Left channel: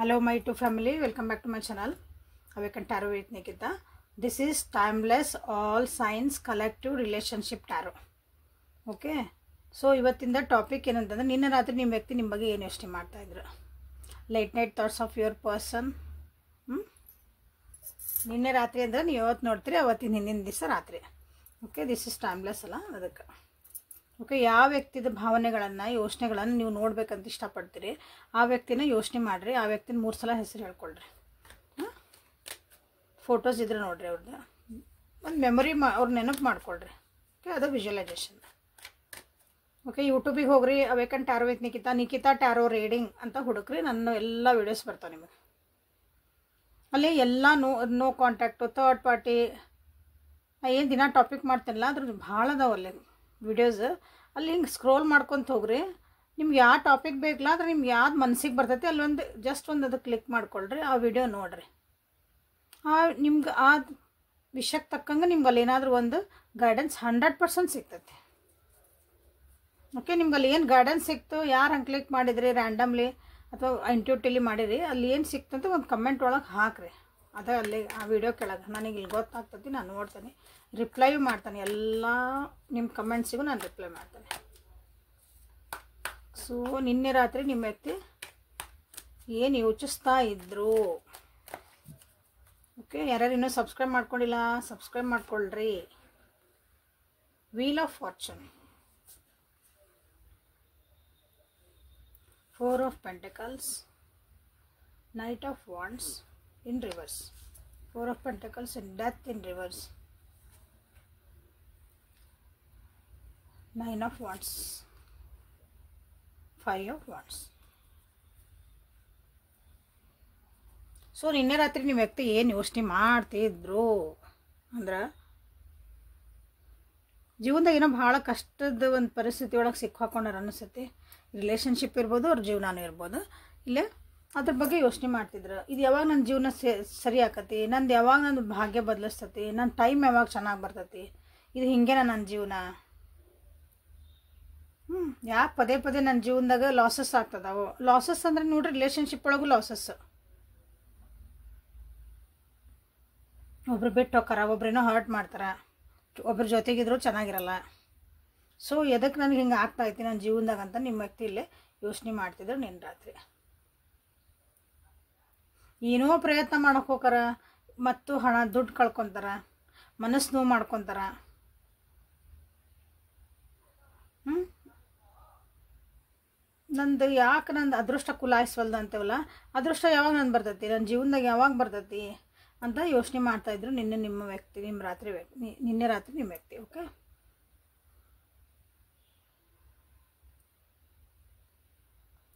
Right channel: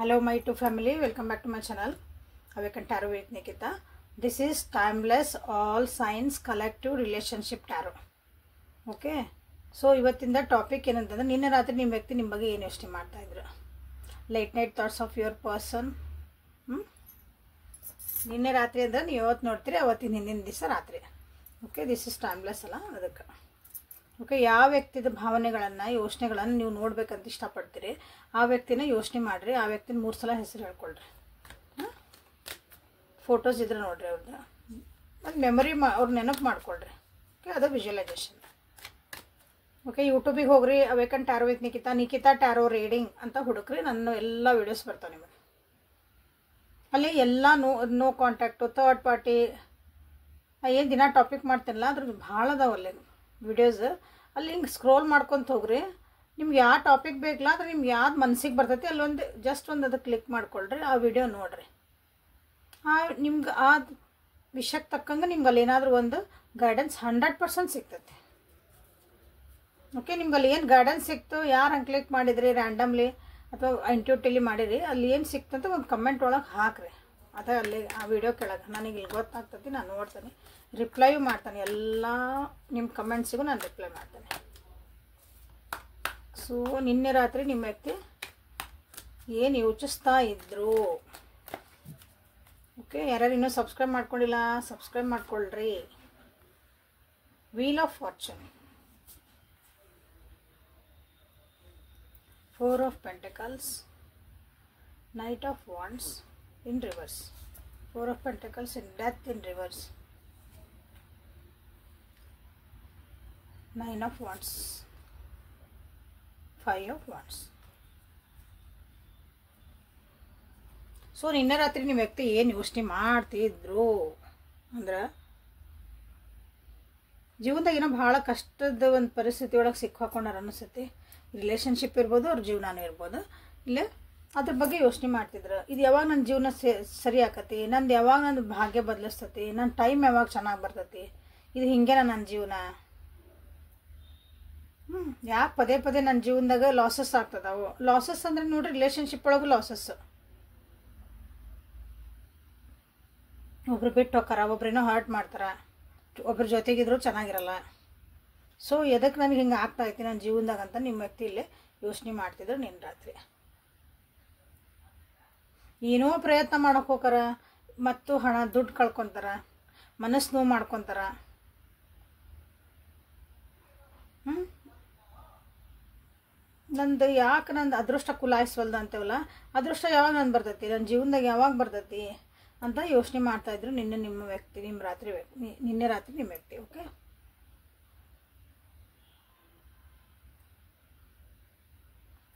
Hello my two family, welcome back to my channel Awaken Tarot with Nikita. This is timeless all signs collective relationship tarot. Okay, so ಇವತ್ತಿನ topic ಏನಂತಂದ್ರೆ ನಿನ್ನೆ ರಾತ್ರಿ ನಿಮ್ಮ ವ್ಯಕ್ತಿ ನಿಮ್ಮ ಬಗ್ಗೆ ಏನು ಯೋಚನೆ ಮಾಡ್ತಾ ಇದ್ರು. Late night thoughts of your person. ನಿನ್ನೆ ರಾತ್ರಿ ಅಂದ್ರೆ ನೀವು ಇವತ್ತು ನೋಡ್ತೀರಿ, ಅವತ್ತಿನ ಹಿಂದಿನ ದಿವಸ ರಾತ್ರಿ. ಓಕೆ, ದಿಸ್ ಇಸ್ ಟೈಮ್ಲೆಸ್ ಅಲ್ಲ ಅದಕ್ಕೆ. ಓಕೆ, ಯಾವ ವ್ಯಕ್ತಿದ ಭಾವನೆಗಳನ್ನು ಯೋಚನೆಗಳನ್ನು ನೀವು ನೋಡ್ಬೇಕಂತ ಇಷ್ಟಪಡ್ತೀರಿ ಆ ವ್ಯಕ್ತಿನ ಯೋಚನೆ ಮಾಡಿರಿ. ಆ ವ್ಯಕ್ತಿನ 3 ಸಲ ಹೆಸರು ಹೇಳ್ಕೊಳ್ರಿ. ಫೋಟೋಸ್ ಇದ್ರೆ ನೋಡ್ರಿ ಅವ್ರದ್ದು, ಒಂದು ಮೆಮೊರಿ ಅವ್ರ ನೆನಪು ಮಾಡ್ಕೊಳ್ರಿ. ಓಕೆ, ಅದು ವಿಜುವಲೈಸೇಷನ್. ಓಕೆ, ಯೂಟ್ಯೂಬಿಗೆ ಹೋಗ್ರಿ, awaken tarot with Nikita tarot reading ಅಂತ ಹುಡುಕ್ರಿ. ನನ್ನ ಎಲ್ಲ ವೀಡಿಯೋಸ್ ಬರ್ತಾವೆ ನಿಮಗೆ. ಅಲ್ಲಿ ಎಲ್ಲ ನೋ ಕಾಂಟ್ಯಾಕ್ಟು, ಥರ್ಡ್ ಪಾರ್ಟಿ, ನಾ ಏನು ದಿನ ಟಾಪಿಕ್ ಮಾಡ್ತೀನಲ್ಲ ಅದ್ರದ್ದು ಭಾಳ ಅದಾವಲ್ಲಿ ವಿಡಿಯೋಸ್. ಅಲ್ಲಿ ಹಿಂಗೆ ಸ್ಕ್ರೋಲ್ ಮಾಡ್ಕೊತ ಹೋಗ್ರಿ. ನಿಮ್ಗೆ ಯಾವ ಟಾಪಿಕ್ ಬೇಕಲ್ಲ ಅದ್ರ ನಿಮ್ಗೆ ಯಾವ್ದು ಮನಸ್ಸಿಗೆ ಬರ್ತೈತಿ ಅಲ್ಲಿ ಒಂದು ಜಸ್ಟ್ ಒಂದು ಅದು ಕ್ಲಿಕ್ ಮಾಡ್ಕೊಳ್ರಿ, ಆ ವಿಡಿಯೋ ನೋಡ್ರಿ. ನಿಮ್ಗೆ ಆ ವಿಷಯಕ್ಕೆ ತಕ್ಕಂಗೆ ನಿಮ್ಗೆ ಅಲ್ಲಿ ಏನಾದರೂ ಒಂದು ಗೈಡೆನ್ಸ್ 100% ಸಿಗ್ತೈತಿ. ಓಕೆ, ನಿಮ್ಗೆ ಅಲ್ಲಿ ಏನು ಗೈಡೆನ್ಸ್ ಸಿಕ್ತು, ಯಾರು ಹಂಗೆ ಕ್ಲಿಕ್ ಮಾಡಿದ್ರಿ ರ್ಯಾಂಡಮ್ಲಿ ಅಥವಾ ಇಂಟ್ಯೂಟಿವ್ಲಿ ಮಾಡಿರಿ, ಅಲ್ಲಿ ಏನು ಸಿಕ್ತಂತ ಒಂದು ಕಮೆಂಟ್ ಒಳಗೆ ಹಾಕ್ರಿ. ಅದೇ ಅಲ್ಲಿ ಆ ವಿಡಿಯೋ ಕೆಳಗೆ ನನಗೆ ಇಲ್ಲಿ ಗೊತ್ತಾಗ್ತೈತಿ, ನಾನು ನೋಡ್ತೇನೆ, ರಿಪ್ಲೈ ಮಾಡ್ತಾನೆ. ಎಲ್ಲ ನಿಮ್ಮ ಕಮೆಂಟ್ಸಿಗೂ ನಾನು ರಿಪ್ಲೈ ಮಾಡ್ತೇನೆ. ಸೊ ನಿನ್ನೆ ರಾತ್ರಿ ನಿಮ್ಮ ವ್ಯಕ್ತಿ ಏನು ಯೋಚಿಸ್ತಾ ಇದ್ರು. ಓಕೆ, ಯಾರ್ಯಾರು ಇನ್ನೂ ಸಬ್ಸ್ಕ್ರೈಬ್ ಮಾಡ್ಕೊಂಡಿಲ್ಲ ಸಬ್ಸ್ಕ್ರೈಬ್ ಮಾಡ್ಕೊಳ್ರಿ. Wheel of fortune, 4 of Pentacles, Knight of Wands in reverse, 4 of Pentacles in Death in reverse, 9 of Wands, 5 of Wands. So ನಿನ್ನೆ ರಾತ್ರಿ ನಿಮ್ಮ ವ್ಯಕ್ತಿ ಏನು ಯೋಚನೆ ಮಾಡ್ತಿದ್ರು ಅಂದ್ರೆ ಜೀವನದಾಗ ಏನೋ ಭಾಳ ಕಷ್ಟದ ಒಂದು ಪರಿಸ್ಥಿತಿ ಒಳಗೆ ಸಿಕ್ಕಾಕೊಂಡಾರ ಅನಿಸುತ್ತೆ. ರಿಲೇಷನ್ಶಿಪ್ ಇರ್ಬೋದು, ಅವ್ರ ಜೀವನನೇ ಇರ್ಬೋದು. ಇಲ್ಲೇ ಅದ್ರ ಬಗ್ಗೆ ಯೋಚನೆ ಮಾಡ್ತಿದ್ರು. ಇದು ಯಾವಾಗ ನನ್ನ ಜೀವನ ಸರಿ ಆಕತಿ, ನಂದು ಯಾವಾಗ ನನ್ನ ಭಾಗ್ಯ ಬದಲಿಸ್ತತಿ, ನನ್ನ ಟೈಮ್ ಯಾವಾಗ ಚೆನ್ನಾಗಿ ಬರ್ತೈತಿ, ಇದು ಹಿಂಗೇನ ನನ್ನ ಜೀವನ. ಯಾಕೆ ಪದೇ ಪದೇ ನನ್ನ ಜೀವನದಾಗ ಲಾಸಸ್ ಆಗ್ತದಾವು. ಲಾಸಸ್ ಅಂದ್ರೆ ನೋಡ್ರಿ, ರಿಲೇಷನ್ಶಿಪ್ ಒಳಗೂ ಲಾಸಸ್. ಒಬ್ರು ಬಿಟ್ಟು ಹೋಗ್ತಾರ, ಒಬ್ರೇನೋ ಹರ್ಟ್ ಮಾಡ್ತಾರ, ಒಬ್ರ ಜೊತೆಗಿದ್ರು ಚೆನ್ನಾಗಿರಲ್ಲ. ಸೊ ಎದಕ್ಕೆ ನನಗೆ ಹಿಂಗೆ ಆಗ್ತಾ ಐತಿ ನನ್ನ ಜೀವನದಾಗ ಅಂತ ನಿಮ್ಮ ವ್ಯಕ್ತಿ ಇಲ್ಲೇ ಯೋಚನೆ ಮಾಡ್ತಿದ್ರು ನಿನ್ನೆ ರಾತ್ರಿ. ಏನೋ ಪ್ರಯತ್ನ ಮಾಡೋಕೆ ಹೋಗಾರ ಮತ್ತು ಹಣ ದುಡ್ಡು ಕಳ್ಕೊತಾರ, ಮನಸ್ಸು ನೋವು ಮಾಡ್ಕೊತಾರ. ನಂದು ಯಾಕೆ ನಂದು ಅದೃಷ್ಟ ಕುಲಾಯಿಸ್ವಲ್ದು ಅಂತೇವಲ್ಲ, ಅದೃಷ್ಟ ಯಾವಾಗ ನಂದು ಬರ್ತೈತಿ, ನನ್ನ ಜೀವನದಾಗ ಯಾವಾಗ ಬರ್ತೈತಿ ಅಂತ ಯೋಚನೆ ಮಾಡ್ತಾಯಿದ್ರು ನಿನ್ನೆ ನಿಮ್ಮ ವ್ಯಕ್ತಿ, ನಿನ್ನೆ ರಾತ್ರಿ ನಿಮ್ಮ ವ್ಯಕ್ತಿ. ಓಕೆ,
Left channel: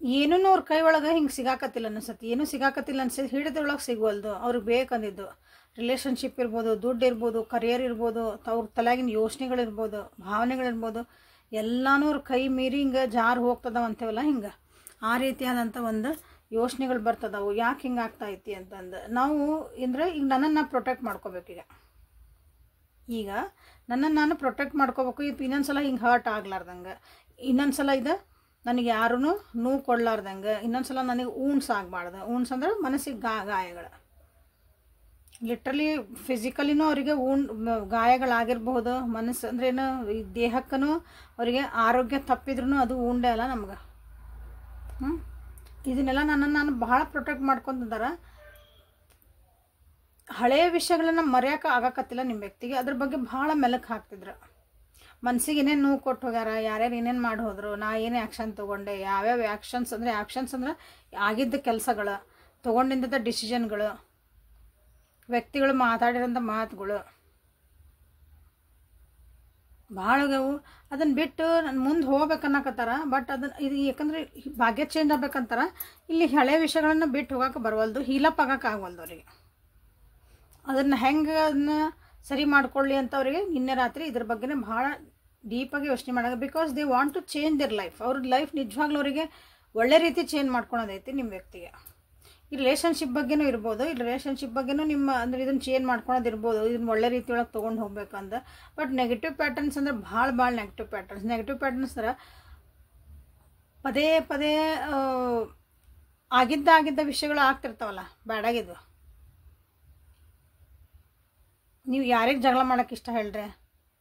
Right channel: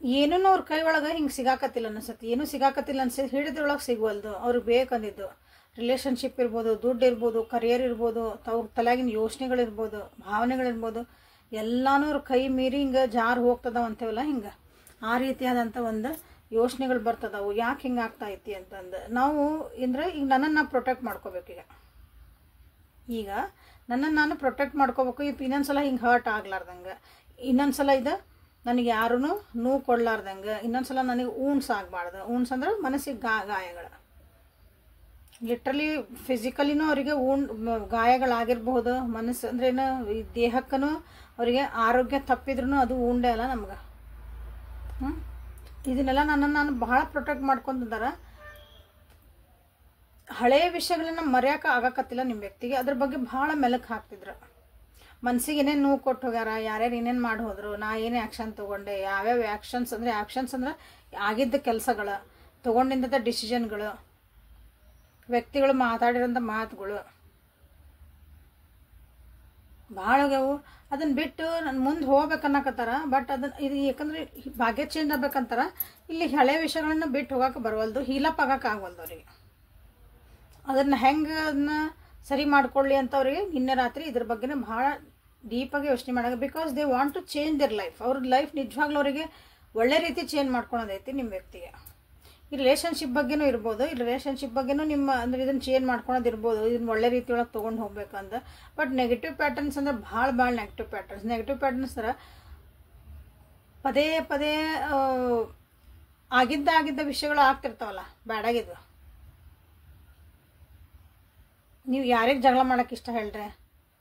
ಏನೂ ಅವ್ರ ಕೈ ಒಳಗೆ ಹಿಂಗೆ ಸಿಗಾಕತ್ತಿಲ್ಲ ಅನ್ಸತ್ತೆ, ಏನೂ ಸಿಗಾಕತ್ತಿಲ್ಲ ಅನ್ಸತ್ತೆ, ಹಿಡಿದ್ರೊಳಗೆ ಸಿಗುವಲ್ದು. ಅವ್ರಿಗೆ ಬೇಕಂದಿದ್ದು ರಿಲೇಷನ್ಶಿಪ್ ಇರ್ಬೋದು, ದುಡ್ಡು ಇರ್ಬೋದು, ಕರಿಯರ್ ಇರ್ಬೋದು, ಅವ್ರ ತಲೆಯಾಗಿನ ಯೋಚನೆಗಳಿರ್ಬೋದು, ಭಾವನೆಗಳಿರ್ಬೋದು, ಎಲ್ಲನೂ ಅವ್ರ ಕೈ ಮೀರಿ ಹಿಂಗೆ ಜಾರು ಹೋಗ್ತದವ ಅಂತೇವಲ್ಲ, ಹಿಂಗೆ ಆ ರೀತಿಯಾದಂಥ ಒಂದು ಯೋಚನೆಗಳು ಬರ್ತದವು. ಯಾಕೆ ಹಿಂಗೆ ಆಗ್ತಾ ಐತಿ ಅಂತಂದು ನಾವು ಅಂದರೆ ಈಗ ನನ್ನನ್ನು ಪ್ರೊಟೆಕ್ಟ್ ಮಾಡ್ಕೋಬೇಕು. ಈಗ ನನ್ನನ್ನು ನಾನು ಪ್ರೊಟೆಕ್ಟ್ ಮಾಡ್ಕೋಬೇಕು. ಇನ್ನೊಂದ್ಸಲ ಹಿಂಗೆ ಹರ್ಟ್ ಆಗ್ಲಾರ್ದಂಗೆ, ಇನ್ನೊಂದ್ಸಲ ಇದು ನನಗೆ ಯಾರೂ ನೋವು ಕೊಡ್ಲಾರ್ದಂಗೆ, ಇನ್ನೊಂದ್ಸಲ ನನಗೆ ಊಣ್ಸ್ ಆಗಬಾರ್ದು. ಊಣ್ಸ್ ಅಂದ್ರೆ ಮನಸ್ಸಿಗೆ ಗಾಯಗಳು, ಲಿಟ್ರಲಿ ಫಿಸಿಕಲಿನೂ ಅವರಿಗೆ ಗಾಯಗಳಾಗಿರ್ಬಹುದು. ಮನಸ್ಸು ಅಂದ್ರೇನು, ಈ ದೇಹಕ್ಕೂ ಅವರಿಗೆ ಆರೋಗ್ಯ ತಪ್ಪಿದ್ರೂ ಅದು ಉಂಡೆ ಅಲ್ಲ ನಮ್ಗೆ. ಇದನ್ನೆಲ್ಲ ನನ್ನನ್ನು ನಾನು ಭಾಳ ಪ್ರೊಟೆಕ್ಟ್ ಮಾಡ್ಕೊಂತಿದ್ದಾರೆ. ಹಳೆಯ ವಿಷಯಗಳನ್ನ ಮರೆಯೋಕೆ ಆಗಕತ್ತಿಲ್ಲ ನಿಮ್ಮ ವ್ಯಕ್ತಿಗೆ. ಅದ್ರ ಬಗ್ಗೆ ಭಾಳ ಮೆಲುಕು ಹಾಕ್ತಿದ್ರು. ಮನ್ಸಿಗೆ ಏನೇನು ನೋವು ಕೊಟ್ಟು ಹೋಗ್ಯಾರ, ಯಾರ್ಯಾರು ಏನೇನು ಮಾಡಿ ಹೋದ್ರು, ನಾ ಏನೇ ಆ್ಯಕ್ಷನ್ ತೊಗೊಂಡೆ, ಯಾವ್ಯಾವ ಆ್ಯಕ್ಷನ್ಸ್ ಅಂದ್ರೆ ಆಗಿದ್ದ ಕೆಲಸಗಳು, ತೊಗೊಂಡಿದ್ದ ಡಿಸಿಷನ್ಗಳು, ವ್ಯಕ್ತಿಗಳು ಮಾತಾಡಿರೋಂಥ ಮಾತುಗಳು ಭಾಳ ಆಗ್ಯಾವು. ಅದನ್ನು ಬಿಟ್ಟು ನಾನು ಮುಂದೆ ಹೋಗ್ಬೇಕನ್ನಕತ್ತಾರ. ಬಟ್ ಇದು ಯಾಕಂದ್ರೆ ಭಾಗ್ಯ ಚೇಂಜ್ ಆಗ್ಬೇಕಂತಾರ. ಇಲ್ಲಿ ಹಳೆ ವಿಷಯಗಳನ್ನ ಬಿಟ್ಟು ಹೋಗಕ್ಕೆ ಬರವಲ್ದು, ಹೀಲಪ್ ಆಗಕ್ಕೆ ಆಗವಲ್ದು ಅವ್ರಿಗೆ. ಅದನ್ನು ಹೆಂಗೆ ಅದನ್ನ ಸರಿ ಮಾಡ್ಕೊಳ್ಳಿ ಅಂತ ಅವ್ರಿಗೆ ನಿನ್ನೆ ರಾತ್ರಿ ಇದ್ರ ಬಗ್ಗೆನೇ ಭಾಳ ಡೀಪಾಗಿ ಯೋಚನೆ ಮಾಡೋದು. Because they want to change their life. ಅವ್ರ ಲೈಫ್ ನಿಜವಾಗ್ಲೂ ಅವರಿಗೆ ಒಳ್ಳೆ ರೀತಿ ಚೇಂಜ್ ಮಾಡ್ಕೊಳೋದೈತಿ ನಿಮ್ಮ ವ್ಯಕ್ತಿಗೆ. ಈ ರಿಲೇಷನ್ಶಿಪ್ ಬಗ್ಗೆನೂ ಇರ್ಬೋದು, ಈ ರಿಲೇಷನ್ಶಿಪ್ ಬಗ್ಗೆನೂ ನಿಮ್ಮ ಅಂದ್ರೆ ಇದನ್ನು ಚೇಂಜ್ ಮಾಡ್ಕೊಳೋದಿರ್ಬೋದು, ಇದನ್ನ ಒಳ್ಳೆ ರೀತಿಯೊಳಗೆ ತೊಗೊಂಡು ಹೋಗ್ಬೇಕಂತ. ಬಟ್ ನೆಗೆಟಿವ್ ಪ್ಯಾಟರ್ನ್ಸ್ ಅಂದರೆ ಭಾಳ ನೆಗೆಟಿವ್ ಪ್ಯಾಟರ್ನ್ಸ್ ಥರ ಪದೇ ಪದೇ ಆಗಿದ್ದ ವಿಷಯಗಳು ಆಗ್ತಿರ್ತಾವಲ್ಲ ಬ್ಯಾಡಾಗಿದ್ದು. ನೀವು ಯಾರಿಗೆ ಜಗಳ ಮಾಡೋಕ್ಕೆ ಇಷ್ಟ ಹೇಳ್ರಿ,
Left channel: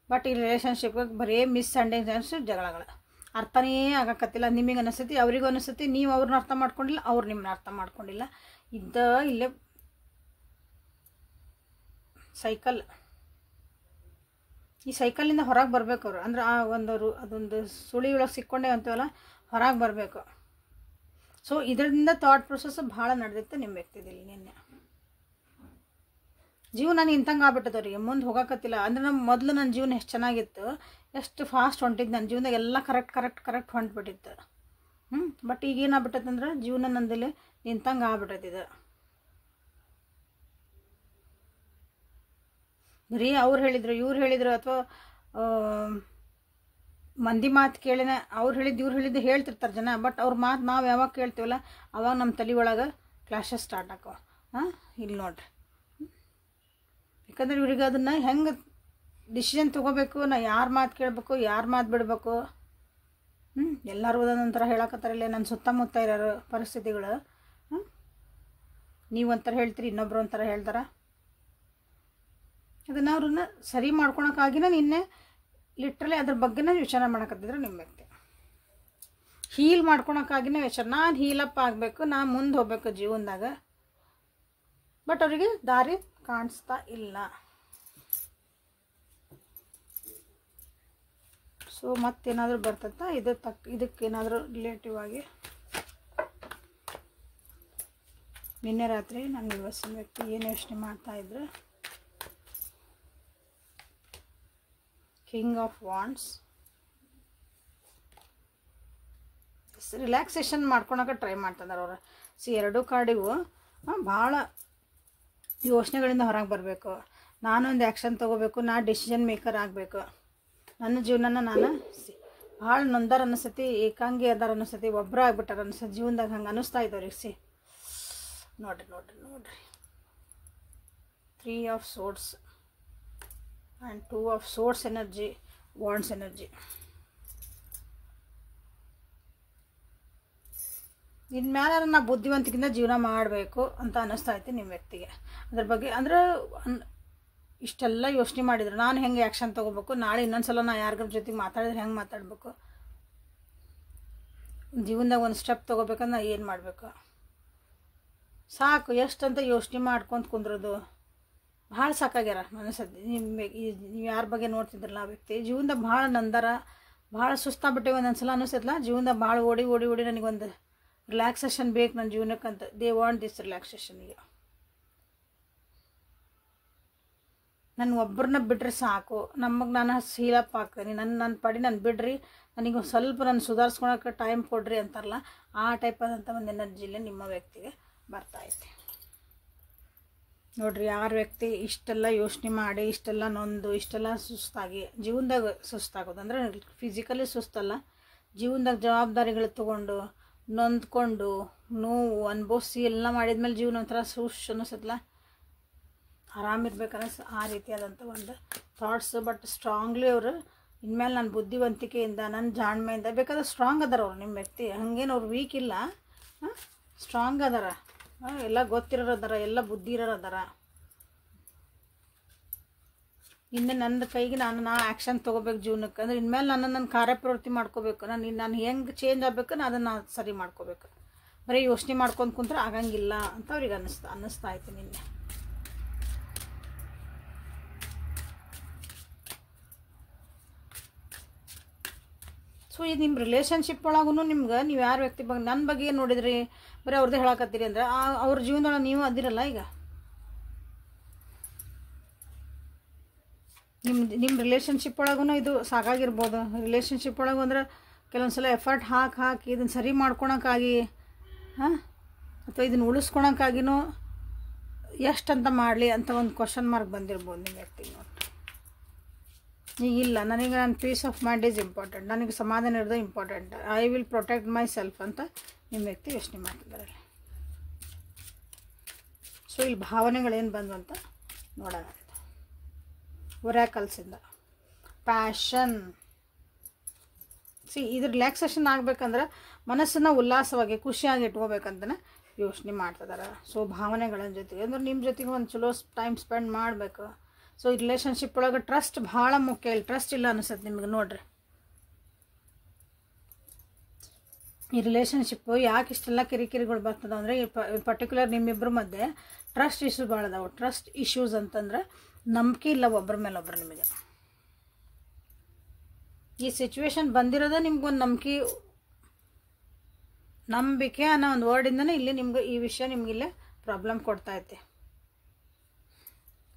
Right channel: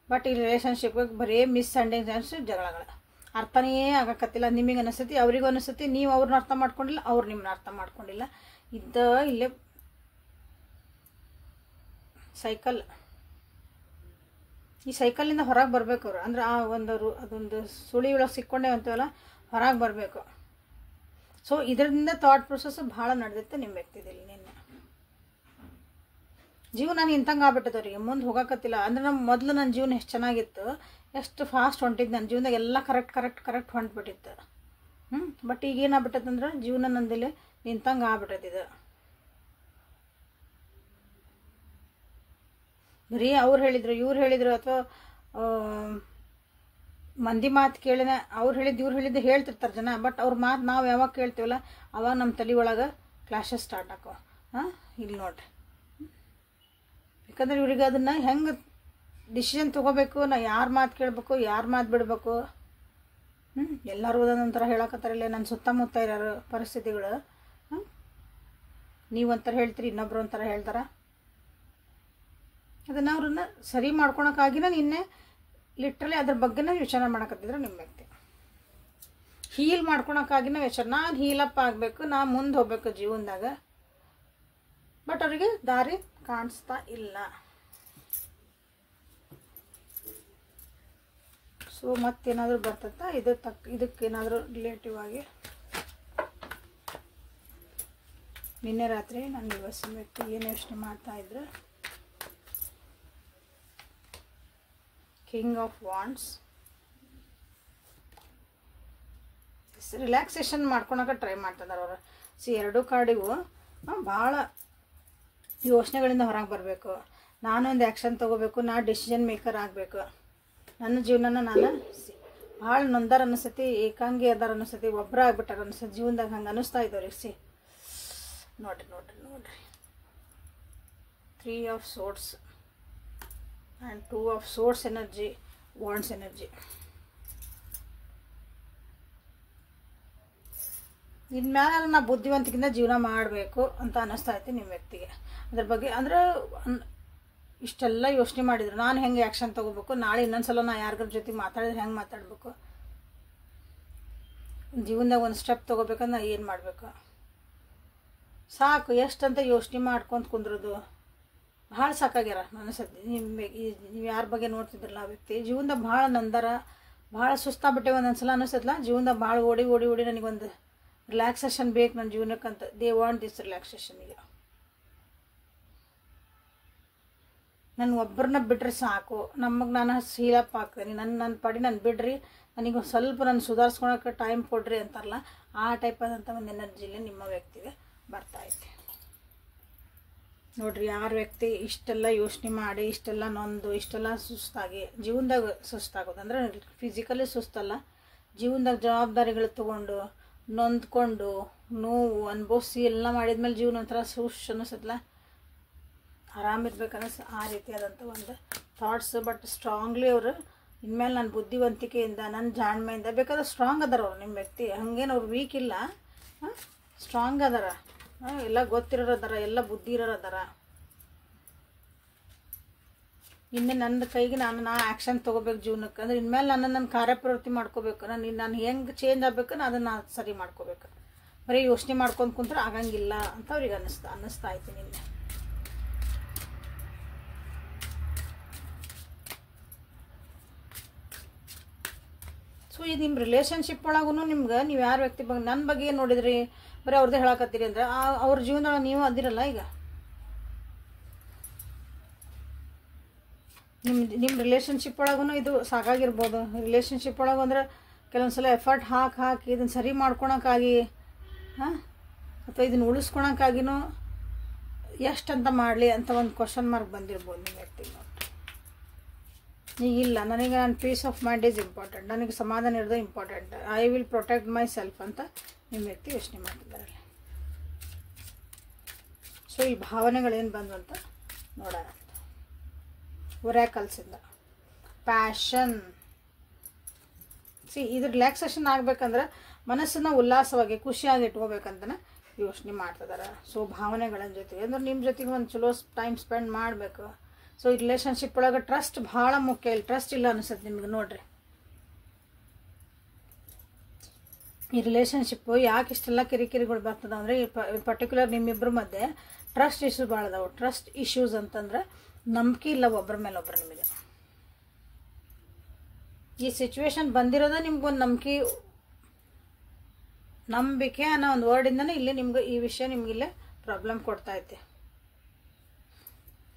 ಬಟ್ ಈ ರಿಲೇಷನ್ಶಿಪ್ಗೆ ಬರೀ ಮಿಸ್ಅಂಡರ್ಸ್ಟ್ಯಾಂಡಿಂಗ್ಸ್ ಜಗಳಗಳು ಅರ್ಥನೇ ಆಗಕತ್ತಿಲ್ಲ. ನಿಮಗೆ ಅನಿಸ್ತತಿ, ಅವ್ರಿಗೂ ಅನಿಸ್ತತಿ, ನೀವು ಅವ್ರನ್ನ ಅರ್ಥ ಮಾಡ್ಕೊಂಡಿಲ್ಲ, ಅವ್ರು ನಿಮ್ಮನ್ನ ಅರ್ಥ ಮಾಡ್ಕೊಂಡಿಲ್ಲ. ಇಲ್ಲೇ ಸೈಕಲ್. ಈ ಸೈಕಲಿಂದ ಹೊರಗೆ ಬರಬೇಕು ಅವರು. ಅಂದ್ರೆ ಆ ಅದೊಂದು ಸುಳಿ ಒಳಗೆ ಸಿಕ್ಕೊಂಡೆ ಅಂತೀವಲ್ಲ, ಹೊರಗೆ ಬರಬೇಕು. ಸೊ ಇದರಿಂದ ಥಾಟ್ ಪ್ರೊಸೆಸ್ ಭಾಳ ನಡೆದೈತೆ ನಿಮ್ಮ ವ್ಯಕ್ತಿದಲ್ಲಿ. ನಿನ್ನೆ ಜೀವನ ನಾನು ಇಂತಂಗೆ ಆಗ್ಬಿಟ್ಟದವ್ರಿಗೆ, ಮುಂದೆ ಹೋಗಕತ್ತಿಲ್ಲ. ಅಂದ್ರೆ ಮೊದಲು ನನ್ನ ಜೀವನ ಎಷ್ಟು ಚೆನ್ನಾಗಿತ್ತು, ಎಷ್ಟು ಫಾಸ್ಟ್ ಹೊಂಟಿದ್ದು, ನನ್ನ ಜೀವನದಾಗ ಎಲ್ಲ ಕರೆಕ್ಟ್ ಹೊಂಟ್ಬಿಟ್ಟಿತ್ತು. ಬಟ್ ಈಗ ಏನಾಗ್ಬಿಟ್ಟದಂದ್ರೆ ಜೀವನ ನಂದಲ್ಲಿ ನಿಂತಂಗೆ ಆಗ್ಬಿಟ್ಟದಿದೆ. ಬರೀ ಅವ್ರು ಹೇಳಿದ್ರು ಇವ್ರು ಹೇಳಿದ್ರು, ಅಥವಾ ಮಂದಿ ಮಾತು ಕೇಳಿನ ಅವ್ರು ಹೇಳಿದ್ದು ಇವ್ರು ಹೇಳಿದ್ದು ಹೇಳ್ತಿರ್ತಾರೆ ಜನ. ಬಟ್ ಅವ್ರ ಮಾತು ನಾವು ಯಾವಾಗ ಕೇಳ್ತೀವಲ್ಲ ಅವಾಗ ನಮ್ಮ ತಲೆ ಒಳಗೆ ಕ್ಲಾಶಸ್ ಸ್ಟಾರ್ಟ್ ಆಕೋ. ಇಲ್ಲಿ ನೋಡ್ರಿ, ಯಾಕಂದ್ರೆ ಇವ್ರಿಗೆ ಅದನ್ನು ಹೆಂಗೆ ಡಿಸಿಷನ್ ತೊಗೋಬೇಕು, ನಾ ಯಾರ ಮಾತು ಕೇಳಬೇಕು, ಯಾರ ಮಾತು ಬಿಡಬೇಕು. ಎಲ್ಲರೂ ಒಂದೊಂಥರ ಹೇಳಕತ್ತಾರಿಲ್ಲ. ನನ್ನ ಸುತ್ತಮುತ್ತ ಇರೋರು ಪರಿಸ್ಥಿತಿಗಳು. ನೀವು ಒಂಥರ ಹೇಳ್ತೀರಿ, ಇನ್ನೊಬ್ರು ಒಂಥರ ಹೇಳ್ತಾರ. ಅದನ್ನು ಅವ್ರನ್ನ ಸರಿ ಮಾಡ್ಕೊಳಕ್ಕಾಗಿನ ನಿನ್ನೆ ಲಿಟ್ರಲಿ ಅದ್ರ ಬಗ್ಗೆನೇ ವಿಚಾರ ಮಾಡಕತ್ತಿದ್ರೆ ನಿಮ್ಮ ವ್ಯಕ್ತಿ. ಹೀಲ್ ಮಾಡ್ಕೊಳಕ್ಕಾಗಿನ ವಿಚಾರ, ನಾನು ಹೀಲಪ್ ಆಗಬೇಕು, ನಾನು ಮುಂದೆ ಹೋಗ್ಬೇಕು ಜೀವನದಾಗ. ಬಟ್ ಅವರಿಗೆ ದಾರಿ ಕಾಣಿಸ್ತಾ ಇಲ್ಲ. ಸೊ ಮತ್ತೇನಾದರೂ ಬರ್ತತ್ತ ಇದಕ್ಕೇನಾದರೂ ರಿಲೇಟಿವ್ ಆಗಿ. ನಿನ್ನೆ ರಾತ್ರಿ ನನ್ನ ಯುವಸಿನ ವ್ಯಕ್ತಿ ಏನು ಯೋಚನೆ ಮಾಡ್ತಾ ಇದ್ರೆ, ಕಿಂಗ್ ಆಫ್ ವಾಂಡ್ಸ್. ರಿಲ್ಯಾಕ್ಸೇಷನ್ ಮಾಡ್ಕೊಳಕ್ಕೆ ಟ್ರೈ ಮಾಡ್ತಿದ್ದಾರೆ ಅವರು. ಎರಡೂ ಕಾರ್ಡಿಗೂ ಭಾಳ ಯೋಚನೆಗಳಿಂದ ಹೊರಗೆ ಬರಬೇಕು. ನಾನೊಂದು ಆ್ಯಕ್ಷನ್ ತೊಗೋಬೇಕು, ನಾ ಡಿಸಿಷನ್ ಮೇಕರ್ ಆಗಬೇಕು. ನನ್ನ ಜೀವನನ ನಾನು ಭಾಳ ನೊಂದಾರ ಅನಿಸ್ತತಿ, ಏಕಾಂಗಿ ಅದಾರ ಅನಿಸ್ತತಿ, ಒಬ್ಬರ ಆಗ್ಬಿಟ್ಟಾರ ಅನಿಸ್ತತಿ ಜೀವನದಾಗ. ಹಂಗೆ ಅನ್ನಿಸ್ತಾ ಇದ್ದವ್ರಿಗೆ. ನೋಡ್ರಿ 3 of swords and 2 of swords energy, wands energy. ಇನ್ಮೇಲೆ ನಾ ಬುದ್ಧಿವಂತಿಕೆಯಿಂದ ಜೀವನ ಮಾಡಬೇಕು ಅಂತ ಅನ್ನಿಸ್ತಾ ಐತೆ ನಿಮ್ಮ ವ್ಯಕ್ತಿಗೆ. ಅದ್ರ ಬಗ್ಗೆ ಅಂದ್ರೆ ಇಷ್ಟೆಲ್ಲ ಯೋಚನೆ ಮಾಡಿದ್ರು, ನಾನು ಹೆಂಗೆ ಆ್ಯಕ್ಷನ್ ತೊಗೋಬೇಕು, ನಾಳೆ ಇನ್ನೊಂದ್ಸಲ ನಾ ಯಾರಿಗಾರ ಜೊತೆಗೆ ಮಾತಾಡಿದ್ರೆ ಹೆಂಗೆ ಮಾತಾಡಬೇಕು, ಜೀವನದಾಗ ಒಂದು ಸ್ಟೆಪ್ ತೊಗೋಬೇಕಂದ್ರೆ ನಾ ಏನು ಮಾಡಬೇಕು. ಸಾಕು ಎಷ್ಟಂತ ಯೋಚನೆ ಮಾಡ್ಕೊಂತ ಕುಂದ್ರೋದು ಭಾಳ ಸಾಕಾಗ್ಯಾರ ಅನಿಸತ್ತೆ. ನೀವು ಯಾರ ಬಗ್ಗೆ ನೋಡ್ತಿದ್ರಲ್ಲ ಆ ವ್ಯಕ್ತಿ ಜೀವನದಾಗ ಭಾಳ ನಂದರ, ಭಾಳ ಸುಸ್ತಾಗ್ಬಿಟ್ಟೆ. ಒಂದೊಂದ್ಸಲ ಅನಿಸ್ತಲ್ಲ ಜೀವನದಾಗ ಭಾಳ ಓಡಿ ನನಗೊಂದು ರಿಲ್ಯಾಕ್ಸೇಷನ್ ಬೇಕು ನನ್ನ ಜೀವನಕ್ಕಂತ. They want this relaxation. ಈಗ ನಾನು ಒಬ್ಬರನ್ನ ಬಿಡ್ರಿ ಸಾಕು, ನಮಗೆ ನಾನು ಹೀಲಪ್ ಆಗ್ತೀನಿ, ನನ್ನ ಪಡಿ ನಾನು ಬಿಡ್ರಿ, ನನಗೆ ಸ್ವಲ್ಪ ನಾನು ಸುಧಾರಿಸ್ಕೊಳಕ್ಕೆ ಟೈಮ್ ಕೊಡ್ರಿ ಅಂತಾರಲ್ಲ, ಆ ಟೈಪ್ ಆದಂಥ ಒಂದು ಎನರ್ಜಿಲಿ ನಿಮ್ಮ ವ್ಯಕ್ತಿಗೆ ಬರ್ತಾ ಐತೆ. ನೋಡ್ರಿ, ಯಾರ ವ್ಯಕ್ತಿ ಇಷ್ಟೆಲ್ಲ ಯೋಚನೆ ಮಾಡಿ, ಇಷ್ಟೆಲ್ಲ ನೊಂದು, ಇಷ್ಟೆಲ್ಲ ಸುಸ್ತಾಗಿ ಜೀವನದಾಗ ಸುಸ್ತಾಗೋದು ಅಂದರೆ ಫಿಸಿಕಲಿ ಸುಸ್ತಲ್ಲ, ಜೀವನದಾಗ ಜವಾಬ್ದಾರಿಗಳು ತೊಗೊಂಡು ನೊಂದ್ಕೊಂಡು ನೋವು ಅನುಭವಿಸಿ ಎಲ್ಲ ಮಾಡಿದ್ಮೇಲೆ ಜೀವನ ಒಂಥರ ಅನ್ನಿಸತ್ತಲ್ಲ, ಆರಾಮಿರ್ಬೇಕನ್ನಿಸ್ ಆ ರೀತಿಯಾದಂಥ ಒಂದು ಥಾಟ್ಸ್. ಬಟ್ ಸ್ಟ್ರಾಂಗ್ಲಿ ಅವರು ಇನ್ಮೇಲೆ ನನ್ನ ಬುದ್ಧಿವಂತಿಕೆಯಿಂದ, ನನ್ನ ಜಾಣ್ಮೆಯಿಂದ ಬೇಕಾದ್ರೆ ಸ್ಟ್ರಾಂಗ್ ಅದಾರ ಅವ್ರು ನಿಮ್ಮ ವ್ಯಕ್ತಿ. ಹಂಗೇನು ಅವ್ರು ವೀಕ್ ಇಲ್ಲ, ಸ್ಟ್ರಾಂಗ್ ಅದಾರ, ಎಲ್ಲ ಗೊತ್ತಿರೋರು ಅದಾರ, ಎಲ್ಲ ಬುದ್ಧಿ ಇರೋರು ಅದಾರ. ಇನ್ನೇ ನನ್ನ ಕೈಗೆ ನಾನು ಆ್ಯಕ್ಷನ್ ತೊಗೋಬೇಕು ಜೀವನಕ್ಕೆ. ಅಂದ್ರೆ ಇನ್ಮೇಲೆ ನನ್ನ ಕಾರ್ಯಪ್ರವೃತ್ತಿ ಮಾಡ್ಕೋಬೇಕು, ನಾನು ಹೆಂಗೆ ಚೇಂಜ್ ಆಗಬೇಕು, ಅದನ್ನು ಸರಿ ಮಾಡ್ಕೋಬೇಕು. ಬರೀ ಯೋಚನೆ ಮಾಡ್ಕೊಂಡು ಕುಂತ್ರೆ ಆಗಂಗಿಲ್ಲ ಅಂತ ಅವ್ರಿಗೆ ಅನ್ನಿಸ್ತಾ ಐತೆ ನಿನ್ನೆ. ಸೊ ಇದು ನಿಮ್ಮ ರಿಲೇಷನ್ಶಿಪ್ ಒಳಗೂ ನಿಮ್ಗೆ ನೀವು ಯಾರ ವ್ಯಕ್ತಿ ಬಗ್ಗೆ ನನ್ನ ಬಗ್ಗೆ ನೋಡಿದ್ರಿ ಬರೀ ಅವ್ರದ್ದೇ ಹೇಳಕತ್ತೀರಿ ಅಂದ್ರೆ ಅವ್ರ ಜೀವನದೊಳಗೆ ನೀವು ಅದಿರಲ್ಲ. ಈಗ ನಿಮ್ಮ ರಿಲೇಷನ್ಶಿಪ್ ಒಳಗೂ ಇದು ಸಾಕಾಗಿರ್ಬೋದು. ರಿಲೇಷನ್ಶಿಪ್ ಒಳಗೆ ಅಂದ್ರೆ ಕೆಲವೊಂದ್ಸಲ ಎಫರ್ಟ್ ಹಾಕಿ ಇದನ್ನು ಸರಿ ಮಾಡ್ಕೊಳಕ್ಕಾಗಿ ಅಥವಾ ಇದನ್ನು ಉಳಿಸ್ಕೊಳಕ್ಕಾಗಿನೂ ಎಷ್ಟಂತ ಮಾಡಲಿ ಅಂತ ಒಂದು ಕ್ವಶನ್ ಮಾರ್ಕ್ ಬಂದಿರ್ಬೋದು ನಿಮ್ಮ ವ್ಯಕ್ತಿ. ಇಲ್ಲ, ನನಗೆ ನನ್ನ peace of mind is important, ನನಗೆ ಸಮಾಧಾನ ಇರೋದು important, I will protect myself ಅಂತ ನಿಮ್ಮ ವ್ಯಕ್ತಿ ಯೋಚನೆ ಮಾಡ್ತಿದ್ದಾರೆ. ಸೊ ಈ ಭಾವನೆಗಳೇನು ಬಂದು ಅಂತ ನೋಡೋಣ. ಒರಾಕಲ್ಸಿಂದ ಪ್ಯಾಷನ್. ಇದು ರಿಲ್ಯಾಕ್ಸೇಷನ್ ಆಗಬೇಕಂದ್ರೆ ಮನಸ್ಸನ್ನು ಉಲ್ಲಾಸವಾಗಿ ಖುಷಿಯಾಗಿ ಇಟ್ಕೋಬೇಕಂತನೇ ಯೋಚನೆ ಮಾಡ್ತಿದಾರೆ. ಸೊ ಭಾವನೆಗಳ ಜೊತೆಗೆ ಅಂದ್ರೆ ನಿಮ್ಮ ಜೊತೆಗೆ ಒಂದು ಚಲೋ ಟೈಮ್ ಸ್ಪೆಂಡ್ ಮಾಡಬೇಕು. ಸೊ ಈ ರಿಲೇಷನ್ಶಿಪ್ ಒಳಗೆ ಟ್ರಸ್ಟ್ ಭಾಳ ಮುಖ್ಯ. ಇಲ್ಲಿ ಟ್ರಸ್ಟ್ ಇಲ್ಲ ಅನಿಸುತ್ತೆ ನಿಮ್ಗೆ. ನೋಡ್ರಿ, ಈ ರಿಲೇಷನ್ಶಿಪ್ಪು ಯಾಕೆ ಇಷ್ಟೆಲ್ಲ ಕಿರಿಕಿರಿಗಳು ಬರ್ತದೆ ಅಂದರೆ ಪರ್ಟಿಕ್ಯುಲರ್ ನಿಮ್ಮಿಬ್ಬರ ಮಧ್ಯೆ ಟ್ರಸ್ಟ್ ಇಶ್ಯೂಸ್ ಭಾಳ ಅದಾವೆ. ಟ್ರಸ್ಟ್ ಇಶ್ಯೂಸ್ ಅಂತಂದ್ರೆ ನಂಬಿಕೆ ಇಲ್ಲ ಒಬ್ಬರ ಮೇಲೆ ಒಬ್ಬರು. ನಿಮಗೆ ಈ ಸಿಚುವೇಶನ್ ಬಂದಿರೋದ ನಿಮ್ಗೊಂದು ನಂಬಿಕೆ ಅನ್ನೋ ಒಂದು ವರ್ಡಿಂದನೇ ಇಲ್ಲಿ ನಿಮ್ಗೆ ಈ ವಿಷಯ ನಿಮ್ಗೆ ಇಲ್ಲೇ ಪ್ರಾಬ್ಲಮ್ ಕೊಡ್ತಾ ಐತೆ,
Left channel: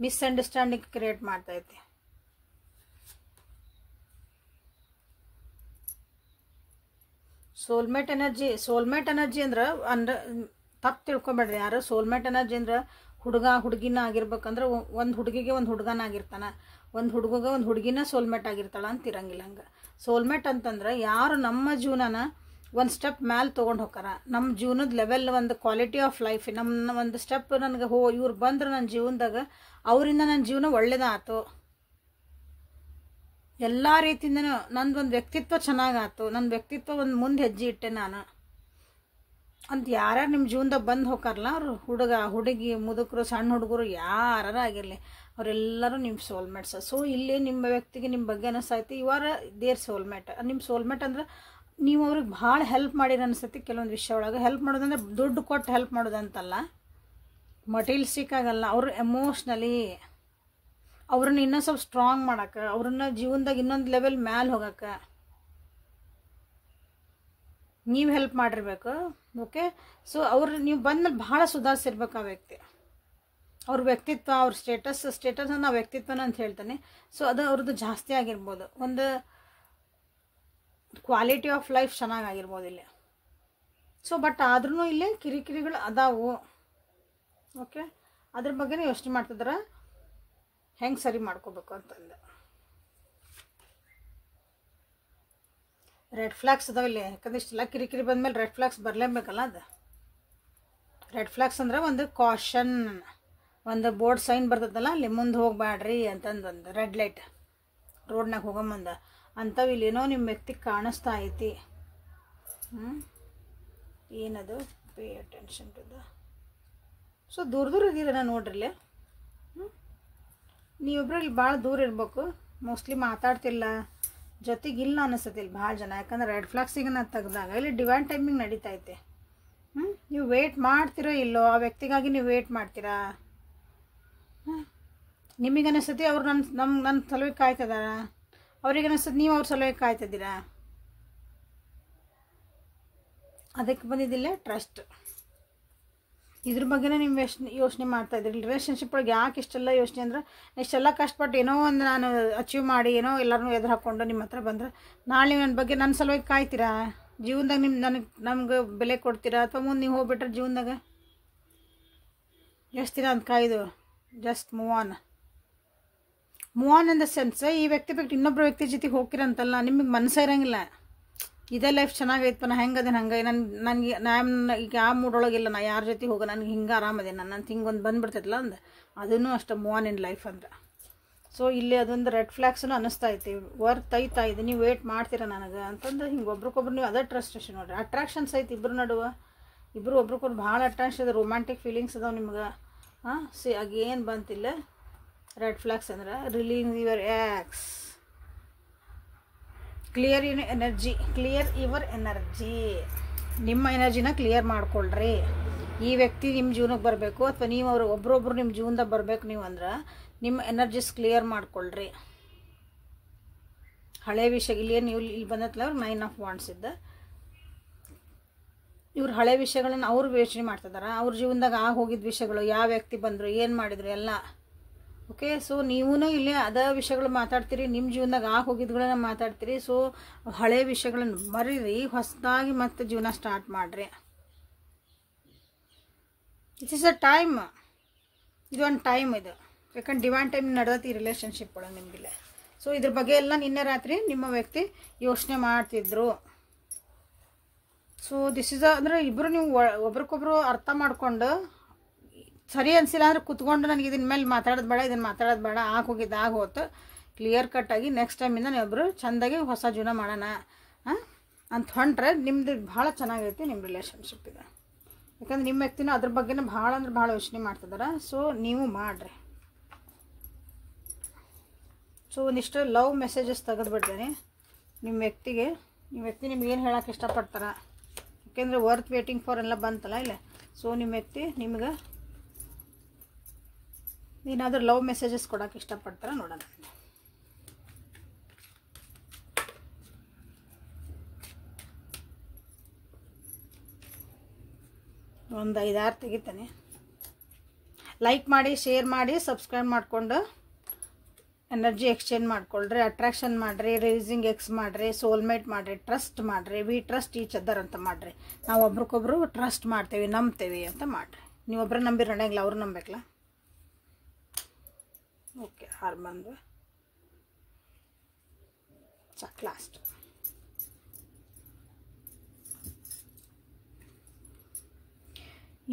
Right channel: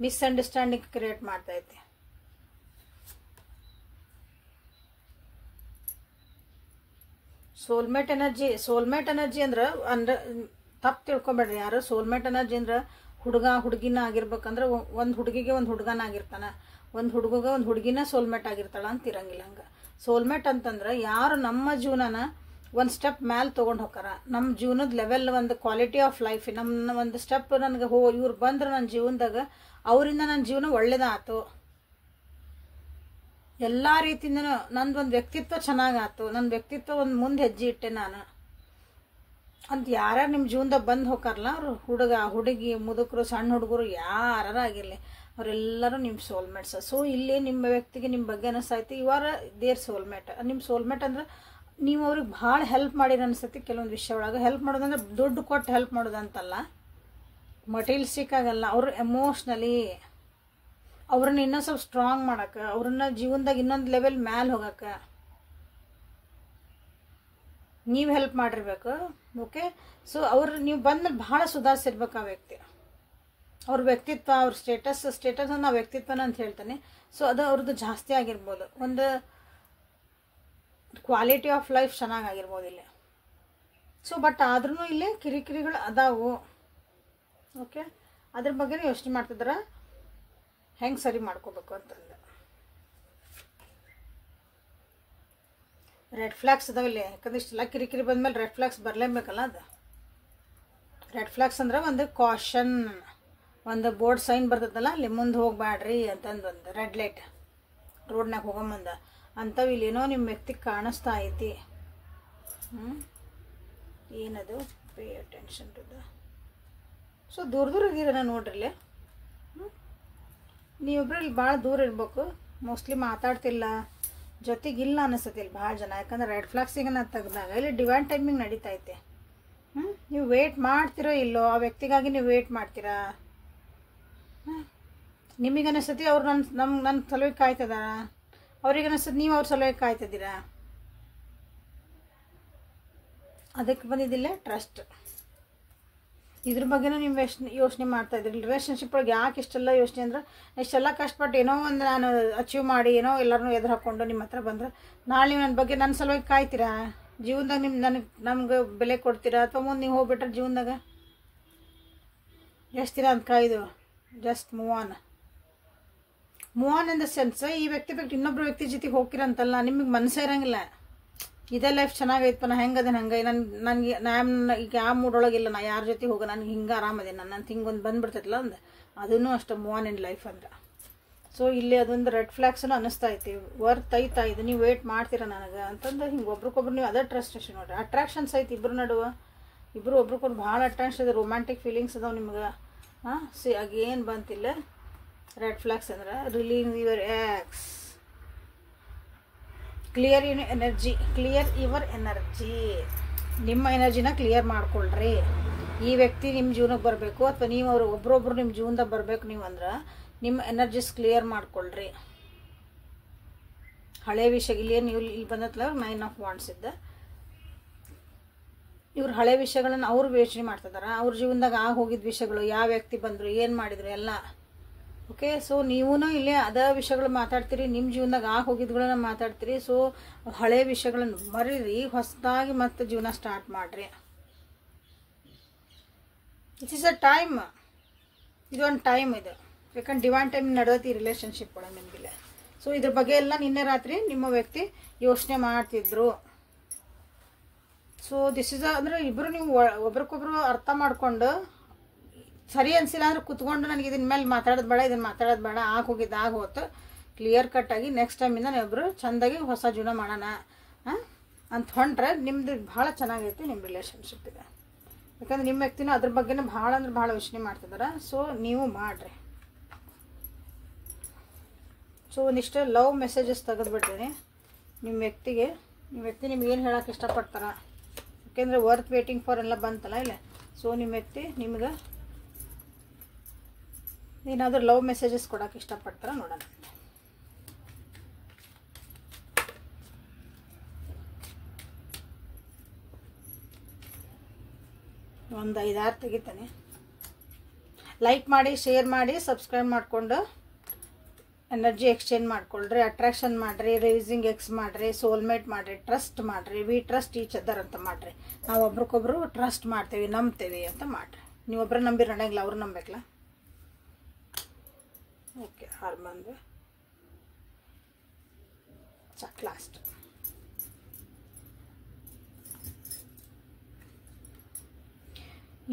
ಮಿಸ್ಅಂಡರ್ಸ್ಟ್ಯಾಂಡಿಂಗ್ ಕ್ರಿಯೇಟ್ ಮಾಡ್ತಾ ಐತೆ. ಸೋಲ್ಮೇಟ್ ಎನರ್ಜಿ ಅಂದ್ರೆ ತಪ್ಪು ತಿಳ್ಕೊಬೇಡ್ರಿ ಯಾರು. ಸೋಲ್ಮೇಟ್ ಎನರ್ಜಿ ಅಂದ್ರೆ ಹುಡುಗ ಹುಡುಗಿನ ಆಗಿರ್ಬೇಕಂದ್ರೆ ಒಂದು ಹುಡುಗಿಗೆ ಒಂದು ಹುಡುಗನ ಆಗಿರ್ತಾನ, ಒಂದು ಹುಡುಗಗೆ ಒಂದು ಹುಡುಗಿನ ಸೋಲ್ಮೇಟ್ ಆಗಿರ್ತಾಳ ಅಂತ ಇರಂಗಿಲ್ಲ. ಹಂಗೆ ಸೋಲ್ಮೇಟ್ ಅಂತಂದ್ರೆ ಯಾರು ನಮ್ಮ ಜೀವನನ ಒಂದು ಸ್ಟೆಪ್ ಮ್ಯಾಲೆ ತೊಗೊಂಡು ಹೋಗಾರ, ನಮ್ಮ ಜೀವನದ ಲೆವೆಲ್, ಒಂದು ಕ್ವಾಲಿಟಿ ಆಫ್ ಲೈಫ್, ನಮ್ಮ ಒಂದು ಸ್ಟೆಪ್ ನನಗೆ ಇವ್ರು ಬಂದ್ರೆ ನನ್ನ ಜೀವನದಾಗ ಅವರಿಂದ ನನ್ನ ಜೀವನ ಒಳ್ಳೇದಾಯ್ತು, ಎಲ್ಲ ರೀತಿಯಿಂದನೂ ನಂದೊಂದು ವ್ಯಕ್ತಿತ್ವ ಚೆನ್ನಾಗಾಯ್ತು, ನನ್ನ ವ್ಯಕ್ತಿತ್ವ ಒಂದು ಮುಂದೆ ಹೆಜ್ಜೆ ಇಟ್ಟೆ ನಾನು ಅಂತ ಯಾರ್ಯಾರು ನಿಮ್ಮ ಜೀವನದಾಗ ಬಂದು ಹೋಗಾರಲ್ಲ, ಅವರು ಹುಡುಗ ಹುಡುಗಿ ಮುದುಕರು ಸಣ್ಣ ಹುಡುಗರು ಯಾರು ಆಗಿರಲಿ ಅವರೆಲ್ಲರೂ ನಿಮ್ಮ ಸೋಲ್ಮೇಟ್ಸ್. ಸೊ ಇಲ್ಲಿ ನಿಮ್ಮ ವ್ಯಕ್ತಿಗೆ ನಿಮ್ಮ ಬಗ್ಗೆ ಅನಿಸ್ತೈತಿ ಇವರ ದೇರ್ ಸೋಲ್ಮೇಟ್. ನಿಮ್ಮ ಸೋಲ್ಮೇಟ್ ಅಂದ್ರೆ ನೀವು ಅವ್ರಿಗೆ ಭಾಳ ಹೆಲ್ಪ್ ಮಾಡಿರ ಅನಿಸ್ತೈತಿ. ಕೆಲವೊಂದು ವಿಷಯ ಒಳಗೆ ಹೆಲ್ಪ್ ಮಾಡೋದಂದ್ರೆ ದುಡ್ಡು ಕೊಟ್ಟು ಹೆಲ್ಪ್ ಮಾಡೋದಂತಲ್ಲ, ಮಟೀರಿಯಲ್ಸ್ಟಿಕ್ ಆಗಲ್ಲ, ಅವ್ರು ಎಮೋಷ್ನಲಿ ಅವ್ರನ್ನ ಇನ್ನೂ ಸ್ವಲ್ಪ ಸ್ಟ್ರಾಂಗ್ ಮಾಡಕ್ಕೆ, ಅವ್ರನ್ನ ಜೀವನದಾಗ ಇನ್ನೊಂದು ಲೆವೆಲ್ ಮ್ಯಾಲೆ ಹೋಗಕ್ಕೆ ನೀವು ಹೆಲ್ಪ್ ಮಾಡಿರ್ಬೇಕು. ಓಕೆ, ಸೊ ನೀವು ಬಂದ್ಮೇಲೆ ಭಾಳ ಸುಧಾರಿಸಿರ್ಬೇಕು ಆ ವ್ಯಕ್ತಿ. ಅವ್ರ ವ್ಯಕ್ತಿತ್ವ, ಅವ್ರ ಸ್ಟೇಟಸ್ ಅನ್ನೋ ವ್ಯಕ್ತಿತ್ವನ ಅಂತ ಹೇಳ್ತಾನೆ. ಸೊ ಅದು ಅವ್ರದ್ದು ಜಾಸ್ತಿ ಆಗಿರ್ಬೋದು, ಒಂದು ಕ್ವಾಲಿಟಿ ಆಫ್ ಲೈಫ್ ಚೆನ್ನಾಗಿರ್ಬೋದು ಇಲ್ಲಿ. ಸೊ ಬಟ್ ಆದ್ರೂ ಇಲ್ಲಿ ಕಿರಿಕಿರಿಗಳು ಅದಾವು. ಓಕೆ, ಅದ್ರ ಬಗ್ಗೆನೂ ಯೋಚನೆ ಮಾಡ್ತಿದಾರೆ ಹೆಂಗೆ ಸರಿ ಮಾಡ್ಕೋಬೇಕು ಅಂತಂದು. ರೆಡ್ ಫ್ಲಾಗ್ಸ್ ಅದಾವಿಲ್ಲಿ, ಯಾಕಂದ್ರೆ ಇಷ್ಟೆಲ್ಲ ಕಿರಿಕಿರಿ ಬಂದ್ಮೇಲೆ ರೆಡ್ ಫ್ಲಾಗ್ಸ್ ಬರಲೇಬೇಕಲ್ಲ. ಅದು ರೆಡ್ ಫ್ಲಾಗ್ಸ್ ಅಂದ್ರೆ ಒಂದು ಕಾಷನ್, ಒಂದು ಬೋರ್ಡ್ ಸೈನ್ ಬರ್ತದಲ್ಲ, ಅಲ್ಲಿ ಮುಂದೆ ಹೋಗ್ಬೇಡ್ರಿ ಅಂತಂದು, ಒಂದು ರೆಡ್ ಲೈಟ್ ರೋಡ್ನಾಗ ಹೋಗಂಬಂದ ಅಂಥವು ಇಲ್ಲೇನೋ ನಿಮ್ಮ ವ್ಯಕ್ತಿಗೆ ಕಾಣಿಸ್ತಾ ಐತಿ. ಏನದು? Pay attention to the. So ದೂರ ಇದ್ದೀರ ನೋಡ್ರಿ. ನೀವೊಬ್ರು ಇಲ್ಲಿ ಭಾಳ ದೂರ ಇರ್ಬೇಕು, ಮೋಸ್ಟ್ಲಿ ಮಾತಾಡ್ತಿಲ್ಲ, ಜೊತೆಗಿಲ್ಲ ಅನಿಸ್ತೈತಿ ಇಲ್ಲಿ ಭಾಳ ಜನ. ಯಾಕಂದ್ರೆ ರೆಡ್ ಫ್ಲಾಗ್ಸಿಗೆ ನಾನು ತೆಗ್ದಾಗ ಇಲ್ಲಿ ಡಿವೈನ್ ಟೈಮಿಂಗ್ ನಡೀತೈತೆ. ನೀವು ವೇಟ್ ಮಾಡ್ತಿರೋ ಇಲ್ಲೋ ಆ ವ್ಯಕ್ತಿಗಾಗಿ ನೀವು ವೇಟ್ ಮಾಡ್ತೀರಾ? ನಿಮಗೆ ಅನಿಸ್ತೈತಿ ಅವ್ರು ನನ್ನ ಸಲುವಾಗಿ ಕಾಯ್ತಿದಾರ, ಅವ್ರಿಗೆ ಅನಿಸ್ತದೆ ನೀವು ಅವ್ರ ಸಲುವಾಗಿ ಕಾಯ್ತಿದ್ದೀರಾ. ಅದಕ್ಕೆ ಬಂದಿದ್ದಿಲ್ಲ ಟ್ರಸ್ಟ್. ಇದ್ರ ಬಗ್ಗೆನೇ ನೀವು ಯೋಚನೆ ಮಾಡ್ತಾ ಇದ್ರಿ. ರಿಲೇಷನ್ಶಿಪ್ ಒಳಗೆ ಯಾಕೆ ಇಷ್ಟೆಲ್ಲ ಯೋಚನೆ ಅಂದ್ರೆ, ಇಷ್ಟೆಲ್ಲ ಕಷ್ಟಪಟ್ಟು ಏನೋ ಒಂದು ನಾನು ಅಚೀವ್ ಮಾಡಿ ಏನೋ ಎಲ್ಲರನ್ನೂ ಎದುರು ಹಾಕ್ಕೊಂಡು ನಿಮ್ಮ ಹತ್ರ ಬಂದ್ರೆ ನಾಳೆ ನನ್ನ ಬಗ್ಗೆ ನನ್ನ ಸಲುವಾಗಿ ಕಾಯ್ತೀರಾ? ಜೀವನದಾಗ ನಮ್ಗೆ ಬೆಲೆ ಕೊಡ್ತೀರಾ? ಅಥವಾ ಮುಂದೆ ನೀವು ಹೋಗ್ಬಿಟ್ರೆ ಜೀವನದಾಗ ಎಷ್ಟು ದಿನ ಅಂತ ಕಾಯ್ದು just move on in the sense, ಈ ವ್ಯಕ್ತಿ ಬಿಟ್ಟು ಇನ್ನೊಬ್ಬರು ವ್ಯಕ್ತಿ ಜೊತೆಗೆ ಹೋಗ್ತಿರಂತಲ್ಲ, ನಿಮಗೆ ಮನಸ್ಸೇ ಇರಂಗಿಲ್ಲ. ಇದೇ ಲೈಫ್ ಚೆನ್ನಾಗೈತಪ್ಪ, ನಾ ಹೆಂಗದೇನು ಹಂಗೆ ನನಗೆ ಈಗ ಆ ಮೂಡೊಳಗಿಲ್ಲ, ನಾ ಯಾರ ಜೊತೆ ಹೋಗ, ನನಗೆ ಹಿಂಗೆ ಆರಾಮದೇನು ನನ್ನ ಹಿಂಗೆ ಒಂದು ಬಂದುಬಿಡ್ತೈತಲ್ಲ ಅಂದ, ಅದೂ ಅಷ್ಟು ಮೂವ್ ಆನ್ ಇನ್ ಲೈಫ್ ಅಂದ್ರೆ. ಸೊ ಇಲ್ಲಿ ಅದೊಂದು ರೆಡ್ ಫ್ಲಾಗ್ಸನ್ನು ಅನ್ನಿಸ್ತಾ ಐತಿ, ವರ್ತ್ ಐತಾ ಇದು, ನೀವು ವೇಟ್ ಮಾಡ್ತೀರಾ ನನಗೆ ಅಂತಂದ್ರೆ ಹಿಂಗೆ ಒಬ್ರಿಗೊಬ್ರು ನೀವು ಅದೇ ಟ್ರಸ್ಟ್ ಅಷ್ಟೇ ನೋಡ್ರಿ. ಅಟ್ರಾಕ್ಷನ್ಸ್ ಐತಿ ಇಬ್ಬರು ನಡುವೆ, ಇಬ್ಬರು ಒಬ್ರಿಗೊಬ್ರು ಭಾಳ ಅಟ್ರಾಕ್ಷನ್ ಇದೆ, ರೊಮ್ಯಾಂಟಿಕ್ ಫೀಲಿಂಗ್ಸ್ ಅದಾವೆ ನಿಮ್ಗೆ. ಆಗೇನು ಬಂತಿಲ್ಲ ರೆಡ್ ಫ್ಲಾಗ್ಸ್ ಅಂದ್ರೆ relieve your X, clear your energy, ನಿಮ್ಮ ಎನರ್ಜಿನ ಕ್ಲಿಯರ್ ಮಾಡ್ಕೊಳ್ರಿ. ಈ ವ್ಯಕ್ತಿ ನಿಮ್ಮ ಜೀವನಕ್ಕೆ ಬರಬೇಕು ಅಥವಾ ನೀವು ಅವ್ರು ಒಬ್ರೊಬ್ರು ನಿಮ್ಮ ಜೀವನದಾಗ ಬರಬೇಕು ನೀವು ಅಂದ್ರೆ ನಿಮ್ಮ ಎನರ್ಜಿಸ್ ಕ್ಲಿಯರ್ ಮಾಡ್ಕೊಳ್ರಿ. ಹಳೆ ವಿಷಯ ಇಲ್ಲಿ ಬಂದತ್ಲ 9 ಆಫ್ ವಾಂಡ್ಸ್ ಇದ್ದ, ಇವ್ರು ಹಳೆ ವಿಷಯಗಳನ್ನ ಅವ್ರು ಯೋಚನೆ ಮಾಡ್ತಿದಾರ. ಅವ್ರ ಜೀವನದಾಗ ಹೋಗಿದ್ದ ವಿಷಯಗಳು, ಯಾವ ವ್ಯಕ್ತಿ ಬಂದರು, ಏನು ಮಾಡಿದ್ರು ಎಲ್ಲ. ಓಕೆ, ಸೊ ನೀವೂ ಇಲ್ಲಿ ಅದೇ ವಿಷಯಗಳು ಮಾತಾಡ್ತೀರಿ, ನಿಮ್ಮ ಜೀವನದಾಗ ಹೋಗಿದ್ಗಳನ್ನ ಮಾತಾಡ್ತೀರಿ. ಸೊ ಹಳೆ ವಿಷಯಗಳನ್ನು ಮರೀರಿ, ಹೊಸದಾಗಿ ಮತ್ತೆ ಜೀವನ ಸ್ಟಾರ್ಟ್ ಮಾಡಿರಿ. ಇಟ್ ಈಸ್ ಅ ಟೈಮ್, ಇದೊಂದು ಟೈಮ್ ಇದು. ಯಾಕಂದ್ರೆ ಡಿವೈನ್ ಟೈಮ್ ನಡೆದೈತಿ ಈ ರಿಲೇಷನ್ಶಿಪ್ ಒಳಗೆ ನಿಮಗಿಲ್ಲ. ಸೊ ಇದ್ರ ಬಗ್ಗೆ ಎಲ್ಲ ನಿನ್ನೆ ರಾತ್ರಿ ನಿಮ್ಮ ವ್ಯಕ್ತಿ ಯೋಚನೆ ಮಾಡ್ತಿದ್ರು. ಸೊ ದಿಸ್ ಇಸ್ ಅಂದರೆ ಇಬ್ಬರು ನೀವು ಒಬ್ರಿಗೊಬ್ರು ಅರ್ಥ ಮಾಡ್ಕೊಂಡು, ಸರಿ ಅನಿಸಿಲ್ಲ ಅಂದ್ರೆ ಕುತ್ಕೊಂಡು ನನಗೆ ಇದನ್ನ ಮೇಲೆ ಮಾತಾಡೋದು ಬೇಡ, ಇದನ್ನು ಮಾತಾಡೋದು ಬೇಡ, ಹೋಗಿದ್ದು ಹೋತು, ಕ್ಲಿಯರ್ ಕಟ್ಟಾಗಿ ನೆಕ್ಸ್ಟ್ ಟೈಮಿಂದ ನಾವಿಬ್ಬರು ಚೆಂದಾಗಿ ಹೊಸ ಜೀವನ ಮಾಡೋಣ ಅಂತ ಹೊಂಟ್ರೆ ನಿಮ್ದು ಭಾಳ ಚೆನ್ನಾಗೈತಿ ನಿಮ್ಮ ರಿಲೇಷನ್ಶಿಪ್ ಇದೆ. ಯಾಕಂದ್ರೆ ನಿಮ್ಮ ವ್ಯಕ್ತಿನೂ ಅದ್ರ ಬಗ್ಗೆನೂ ಭಾಳ ಅಂದ್ರೆ ಭಾಳ ಯೋಚನೆ ಮಾಡ್ತಿದ್ದಾರೆ. ಸೊ ನೀವು ಮಾಡಿರಿ. ಸೊ ಒಂದಿಷ್ಟು ಲವ್ ಮೆಸೇಜಸ್ ತೆಗೆದುಬಿಡ್ತೀನಿ ನಿಮ್ಮ ವ್ಯಕ್ತಿಗೆ. ನಿಮ್ಮ ವ್ಯಕ್ತಿ ನಿಮ್ಗೆ ಏನು ಹೇಳೋಕೆ ಇಷ್ಟಪಡ್ತಾರೆ, ಯಾಕೆಂದರೆ ವರ್ತ್ ವೇಟಿಂಗ್ ಫಾರ್ ಎಲ್ಲ ಬಂತಲ್ಲ ಇಲ್ಲ. ಸೊ ನಿಮ್ಮ ವ್ಯಕ್ತಿ ನಿಮ್ಗೆ ಏನಾದರೂ ಲವ್ ಮೆಸೇಜಸ್ ಕೊಡೋಕೆ ಇಷ್ಟಪಡ್ತಾರೆ ನೋಡೋಣ. ಒಂದು 5-6 ತೆಗಿತಾನೆ. ಲೈಕ್ ಮಾಡಿ, ಶೇರ್ ಮಾಡಿ, ಸಬ್ಸ್ಕ್ರೈಬ್ ಮಾಡಿಕೊಂಡು ಎನರ್ಜಿ ಎಕ್ಸ್ಚೇಂಜ್ ಮಾಡ್ಕೊಳ್ರಿ. ಅಟ್ರಾಕ್ಷನ್ ಮಾಡಿರಿ, ರೇಸಿಂಗ್ ಎಕ್ಸ್ ಮಾಡಿರಿ, ಸೋಲ್ಮೇಟ್ ಮಾಡಿರಿ, ಟ್ರಸ್ಟ್ ಮಾಡಿರಿ. ವಿ ಟ್ರಸ್ಟ್ ಈಚ್ ಅದರ್ ಅಂತ ಮಾಡಿರಿ. ನಾವು ಒಬ್ರಿಗೊಬ್ರು ಟ್ರಸ್ಟ್ ಮಾಡ್ತೇವೆ, ನಂಬ್ತೇವೆ ಅಂತ ಮಾಡಿರಿ. ನೀವು ಒಬ್ಬರು ನಂಬಿರಿ ನಡೆಯಂಗಿಲ್ಲ, ಅವ್ರು ನಂಬೇಕಲ್ಲ. ಓಕೆ, ಹಾರ್ಮೋನ್ಗೆ ಸಾಕು last.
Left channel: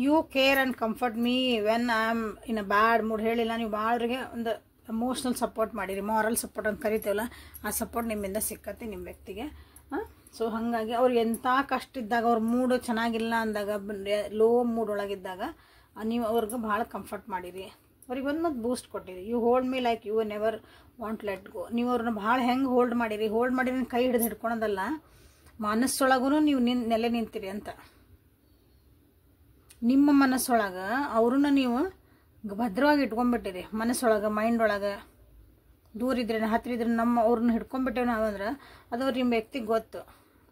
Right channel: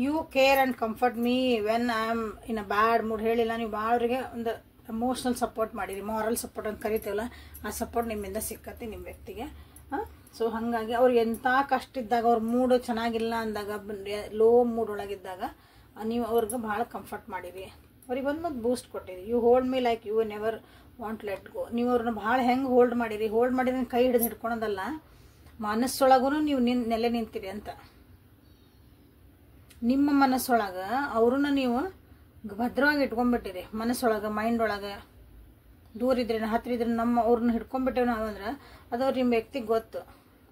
You care and comfort me when I am in a bad mood. ಹೇಳಿಲ್ಲ ನೀವು ಭಾಳರಿಗೆ ಒಂದು ಎಮೋಷ್ನಲ್ ಸಪೋರ್ಟ್ ಮಾಡಿರಿ, ಮಾರಲ್ ಸಪೋರ್ಟ್ ಅಂತ ಕರಿತೀವಲ್ಲ, ಆ ಸಪೋರ್ಟ್ ನಿಮ್ಮಿಂದ ಸಿಕ್ಕತ್ತೆ ನಿಮ್ಮ ವ್ಯಕ್ತಿಗೆ. ಸೊ ಹಾಗಾಗಿ ಅವ್ರು ಎಂಥ ಕಷ್ಟ ಇದ್ದಾಗ, ಅವ್ರ ಮೂಡು ಚೆನ್ನಾಗಿಲ್ಲ ಅಂದಾಗ, ಲೋ ಮೂಡ್ ಒಳಗಿದ್ದಾಗ ನೀವು ಅವ್ರಿಗೆ ಭಾಳ ಕಂಫರ್ಟ್ ಮಾಡಿರಿ. ಅವ್ರಿಗೆ ಒಂದು ಬೂಸ್ಟ್ ಕೊಟ್ಟಿರಿ. You hold me like you never want let go. ನೀವು ಅವ್ರನ್ನ ಭಾಳ ಹೆಂಗೆ ಹೋಲ್ಡ್ ಮಾಡಿರಿ, ಹೋಲ್ಡ್ ಮಾಡಿದ್ರೆ ಕೈ ಹಿಡಿದು ಹಿಡ್ಕೊಳೋದಲ್ಲ, ಮನಸ್ಸೊಳಗೂ ನೀವು ನೆಲೆ ನಿಂತಿರಿ ಅಂತ. ನಿಮ್ಮ ಮನಸ್ಸೊಳಗೆ ಅವ್ರನ್ನ ನೀವು ಭದ್ರವಾಗಿ ಇಟ್ಕೊಂಡ್ಬಿಟ್ಟಿರಿ. ಮನಸ್ಸೊಳಗೆ, ಮೈಂಡ್ ಒಳಗೆ. ದೂರ ಇದ್ರೆ ಹತ್ತಿರ ಇದ್ರೆ ಅವ್ರನ್ನ ಹಿಡ್ಕೊಂಡ್ಬಿಟ್ಟೇವೆ ನಾವು ಅಂದ್ರೆ ಅದು ನಿಮ್ಮ ವ್ಯಕ್ತಿಗೆ ಗೊತ್ತು.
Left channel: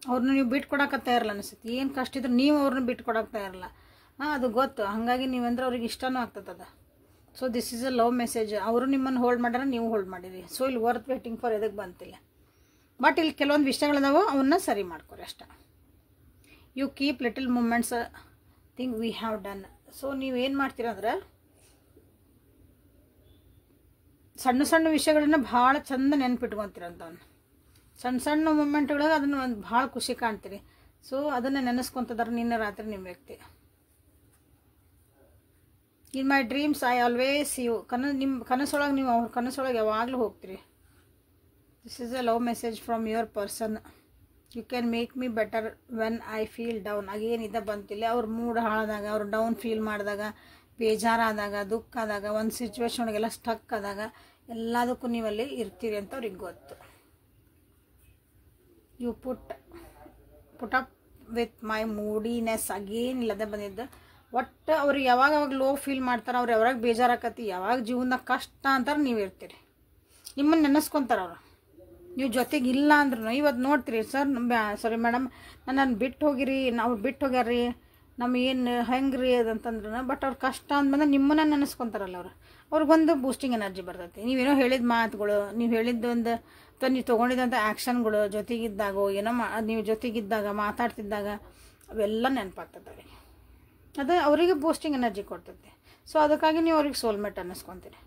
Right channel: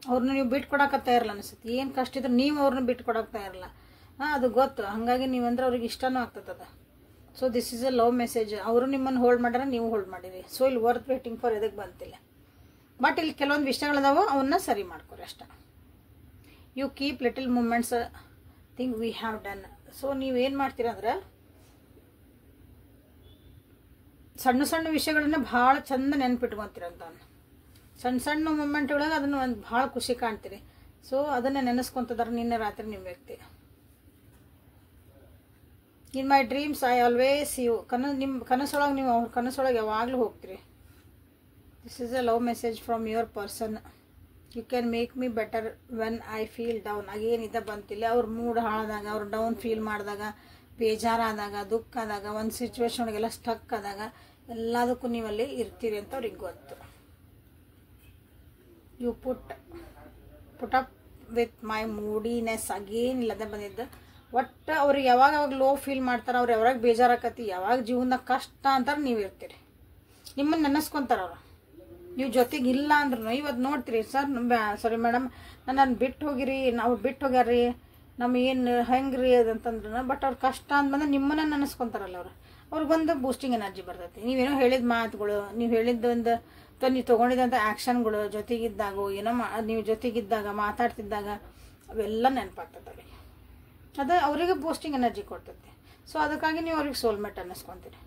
ಅವ್ರನ್ನ ನೀವು ಬಿಟ್ಕೊಡಕ್ಕೆ ಇರಲ್ಲ ಅನಿಸುತ್ತೆ. ಏನು ಕಷ್ಟ ಇದ್ರೆ ನೀವು ಅವ್ರನ್ನ ಬಿಟ್ಕೊಡಕ್ಕೆ ಇರಲ್ಲ. ಅದು ಗೊತ್ತು. ಹಾಗಾಗಿ ನೀವಂದ್ರೆ ಅವ್ರಿಗೆ ಇಷ್ಟನೂ ಆಗ್ತದ. So this is a love message. ಅವರು ನಿಮ್ಮನ್ನು ಹೋಲ್ಡ್ ಮಾಡ್ಯಾರ, ನೀವು ಹೋಲ್ಡ್ ಮಾಡಿರಿ. ಸೊ ಇಲ್ಲಿ ವರ್ತ್ ವೇಟಿಂಗ್ ಫಾರ್ ಇದಕ್ಕೆ ಬಂತಿಲ್ಲ. ಬಟ್ ಇಲ್ಲಿ ಕೆಲವೊಂದು ವಿಷಯಗಳಿದಾವೆ, ಅವನ್ನ ಸರಿ ಮಾಡ್ಕೊರಿ ಅಷ್ಟೇ. You keep little moments thing we have done. So ನೀವು ಏನು ಮಾಡ್ತೀರಂದ್ರೆ ಸಣ್ಣ ಸಣ್ಣ ವಿಷಯಗಳನ್ನ ಭಾಳ ಚಂದ ನೆನ್ಪಿಟ್ಕೊತೀರಂತ. ಸಣ್ಣ ಸಣ್ಣ ಮೂಮೆಂಟ್ಗಳಾಗ ಅದನ್ನು ಒಂದು ಭಾಳ ಖುಷಿ ಕಾಣ್ತೀರಿ. ಸೊ ಅದನ್ನು ನೆನೆಸ್ಕೊತಿದಾರೆ ನಿನ್ನೆ ರಾತ್ರಿ ನಿಮ್ಮ ವ್ಯಕ್ತಿ. In my dreams I always you. ನಿಮ್ಮ ಕನಸೊಳಗೆ ನೀವು ಅವ್ರ ಕನಸೊಳಗೆ ಯಾವಾಗಲೂ ಹೋಗ್ತೀರಿ. This is a love message from your person. You can make me better when I feel down. ಆಗೇನಿದ್ದ ಬಂತಿಲ್ಲ. ಅವ್ರ ಮೂಡ್ ಹಾಳಾದಾಗ, ಅವ್ರು ಡೌನ್ ಫೀಲ್ ಮಾಡಿದಾಗ, ಬೇಜಾರಾದಾಗ, ದುಃಖ ಆದಾಗ, ಒಂದು ಸಿಚುವೇಶನ್ ಒಳಗೆಲ್ಲ ಸ್ಟಕ್ ಆದಾಗ ಎಲ್ಲದಕ್ಕೂ ನೀವಲ್ಲಿ ಇರ್ತೀರಿ ಅಂತ ಅವ್ರಿಗೆ ಗೊತ್ತು. You put up with my moodiness. ಆಗೇನಿಲ್ಲದೆ ಬಂದಿದ್ದು. ಒಟ್ಟು ಅವ್ರಿಗೆ ಯಾವಾಗ ಲೋ ಫೀಲ್ ಮಾಡ್ತಾರೆ, ಅವ್ರು ಯಾವಾಗ ಬೇಜಾರಾಕತಿ, ಯಾವಾಗ ಜೀವನದಾಗ ಕಷ್ಟ ಅಂತಾರೆ ನೀವು ಇರ್ತೀರಿ. ನಿಮ್ಮನ್ನು ನೆನೆಸ್ಕೊಂತಾರೆ ಅವರು. ನೀವು ಜೊತೆಗೆ ಇಲ್ಲ ಅಂದ್ರೂ ಇವತ್ತು ನೋಡ್ತೀರಿ, ಸಾರಿ ಮೇಡಮ್ ನನ್ನನ್ನು ಬಿಟ್ಟು ಹೋಗಿರಿ, ನಾವು ಬಿಟ್ಟು ಹೋಗ್ಯಾರ್ರಿ, ನಮಗೇನು ಹೆಂಗ್ರಿ ಅದಂತಂದ್ರೆ. ಬಟ್ ಅವ್ರ ಕಷ್ಟ ಅಂದ್ಮೇಲೆ ನಿಮ್ಮನ್ನ ನೆನೆಸ್ಕೊಂತಾರಲ್ಲ ಅವ್ರಿಗೊಂದು ಬೂಸ್ಟಿಂಗ್ ಎನರ್ಜಿ ಬರ್ತೈತಿ. ನೀವೇನೋ ಹೇಳಿದ ಮಾತುಗಳು, ನೀವು ಹೇಳಿದ್ದೊಂದು ನೀವು ತೊಗೊಂಡಿದ್ದಂಥ ಆ್ಯಕ್ಷನ್ಗಳು, ಜೊತೆಗಿದ್ದಾಗೋ ಏನೋ ನೀವು ಜೊತೆಗಿದ್ದಾಗ ಮಾತಾಡ್ತಿದ್ದಾಗ ಅವೆಲ್ಲ ನೆನಪಾಗ್ತದೆ. ಅದು ಅವರಿಗೆ ಬೂಸ್ಟಿಂಗ್ ಎನರ್ಜಿ ಕೊಡ್ತೈತಿ. ಸೊ ಅದಕ್ಕಾಗಿ ನೀವು ಅವ್ರಿಗೆ ಸೋಲ್ಮೇಟ್ ಅನ್ನಿಸ್ಕೊತೀರಿ.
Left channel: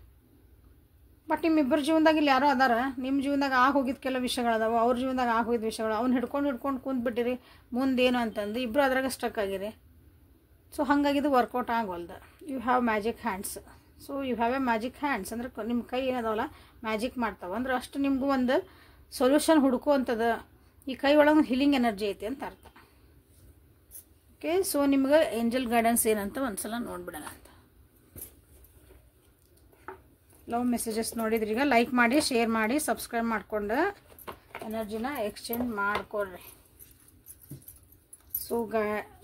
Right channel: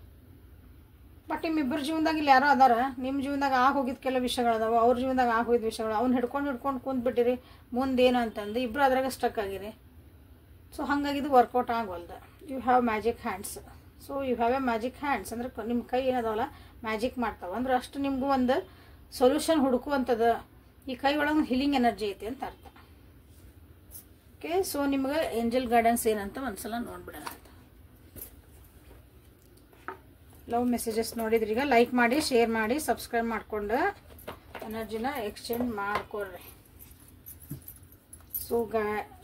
ಬಟ್ ನಿಮ್ಮಿಬ್ಬರ ಜೀವನದಾಗ ಇಲ್ಲಿ ಯಾರೋ ಅದಾರ. ನಿಮ್ಮ ಜೀವನದಾಗ ಹೋಗಿದ್ದು ಕೆಲವು ವಿಷಯಗಳದಾವ, ಅವ್ರ ಜೀವನದಾಗ ಹೋಗಿದ್ದ ವಿಷಯಗಳು. ಅವ್ನು ಹಿಡ್ಕೊಂಡು ಕುಂತ್ಬಿಟ್ಟಿರಿ. ಮುಂದೇನು ಅಂತಂದು ಇಬ್ಬರು ಅದ್ರಾಗ ಸ್ಟಕ್ ಆಗಿರಿ. ಸೊ ಹಾಗಾಗಿ ಇದು ವರ್ಕೌಟ್ ಆಗೋಲ್ದ. You have magic hands. So you have a magic hands ಅಂದ್ರೆ ನಿಮ್ಮ ಕೈ ಏನದಾವಲ್ಲ ಮ್ಯಾಜಿಕ್ ಮಾಡ್ತಾವ ಅಂದ್ರೆ ಅಷ್ಟು ನಿಮಗೂ ಒಂದು ಸೊಲ್ಯೂಷನ್ ಹುಡುಕುವಂಥದ್ದು. ಈ ಕೈ ಒಳಗೆ ಹೀಲಿಂಗ್ ಎನರ್ಜಿ ಐತಿ ಅಂತ ಅರ್ಥ. ಓಕೆ, ಸೊ ನಿಮ್ಗೆ ಏಂಜಲ್ ಗೈಡೆನ್ಸ್ ಏನಂತ ಒಂದ್ಸಲ ನೋಡ್ಬಿಡೋಣ ಅಂತ. ಲವ್ ಮೆಸೇಜಸ್ ನೋಡಿದ್ರಿ. ಈಗ ಲೈಕ್ ಮಾಡಿ, ಶೇರ್ ಮಾಡಿ, ಸಬ್ಸ್ಕ್ರೈಬ್ ಮಾಡಿಕೊಂಡು ಎನರ್ಜಿನ ಎಕ್ಸ್ಚೇಂಜ್ ಮಾಡ್ಕೊಳ್ರಿ. ಸೊ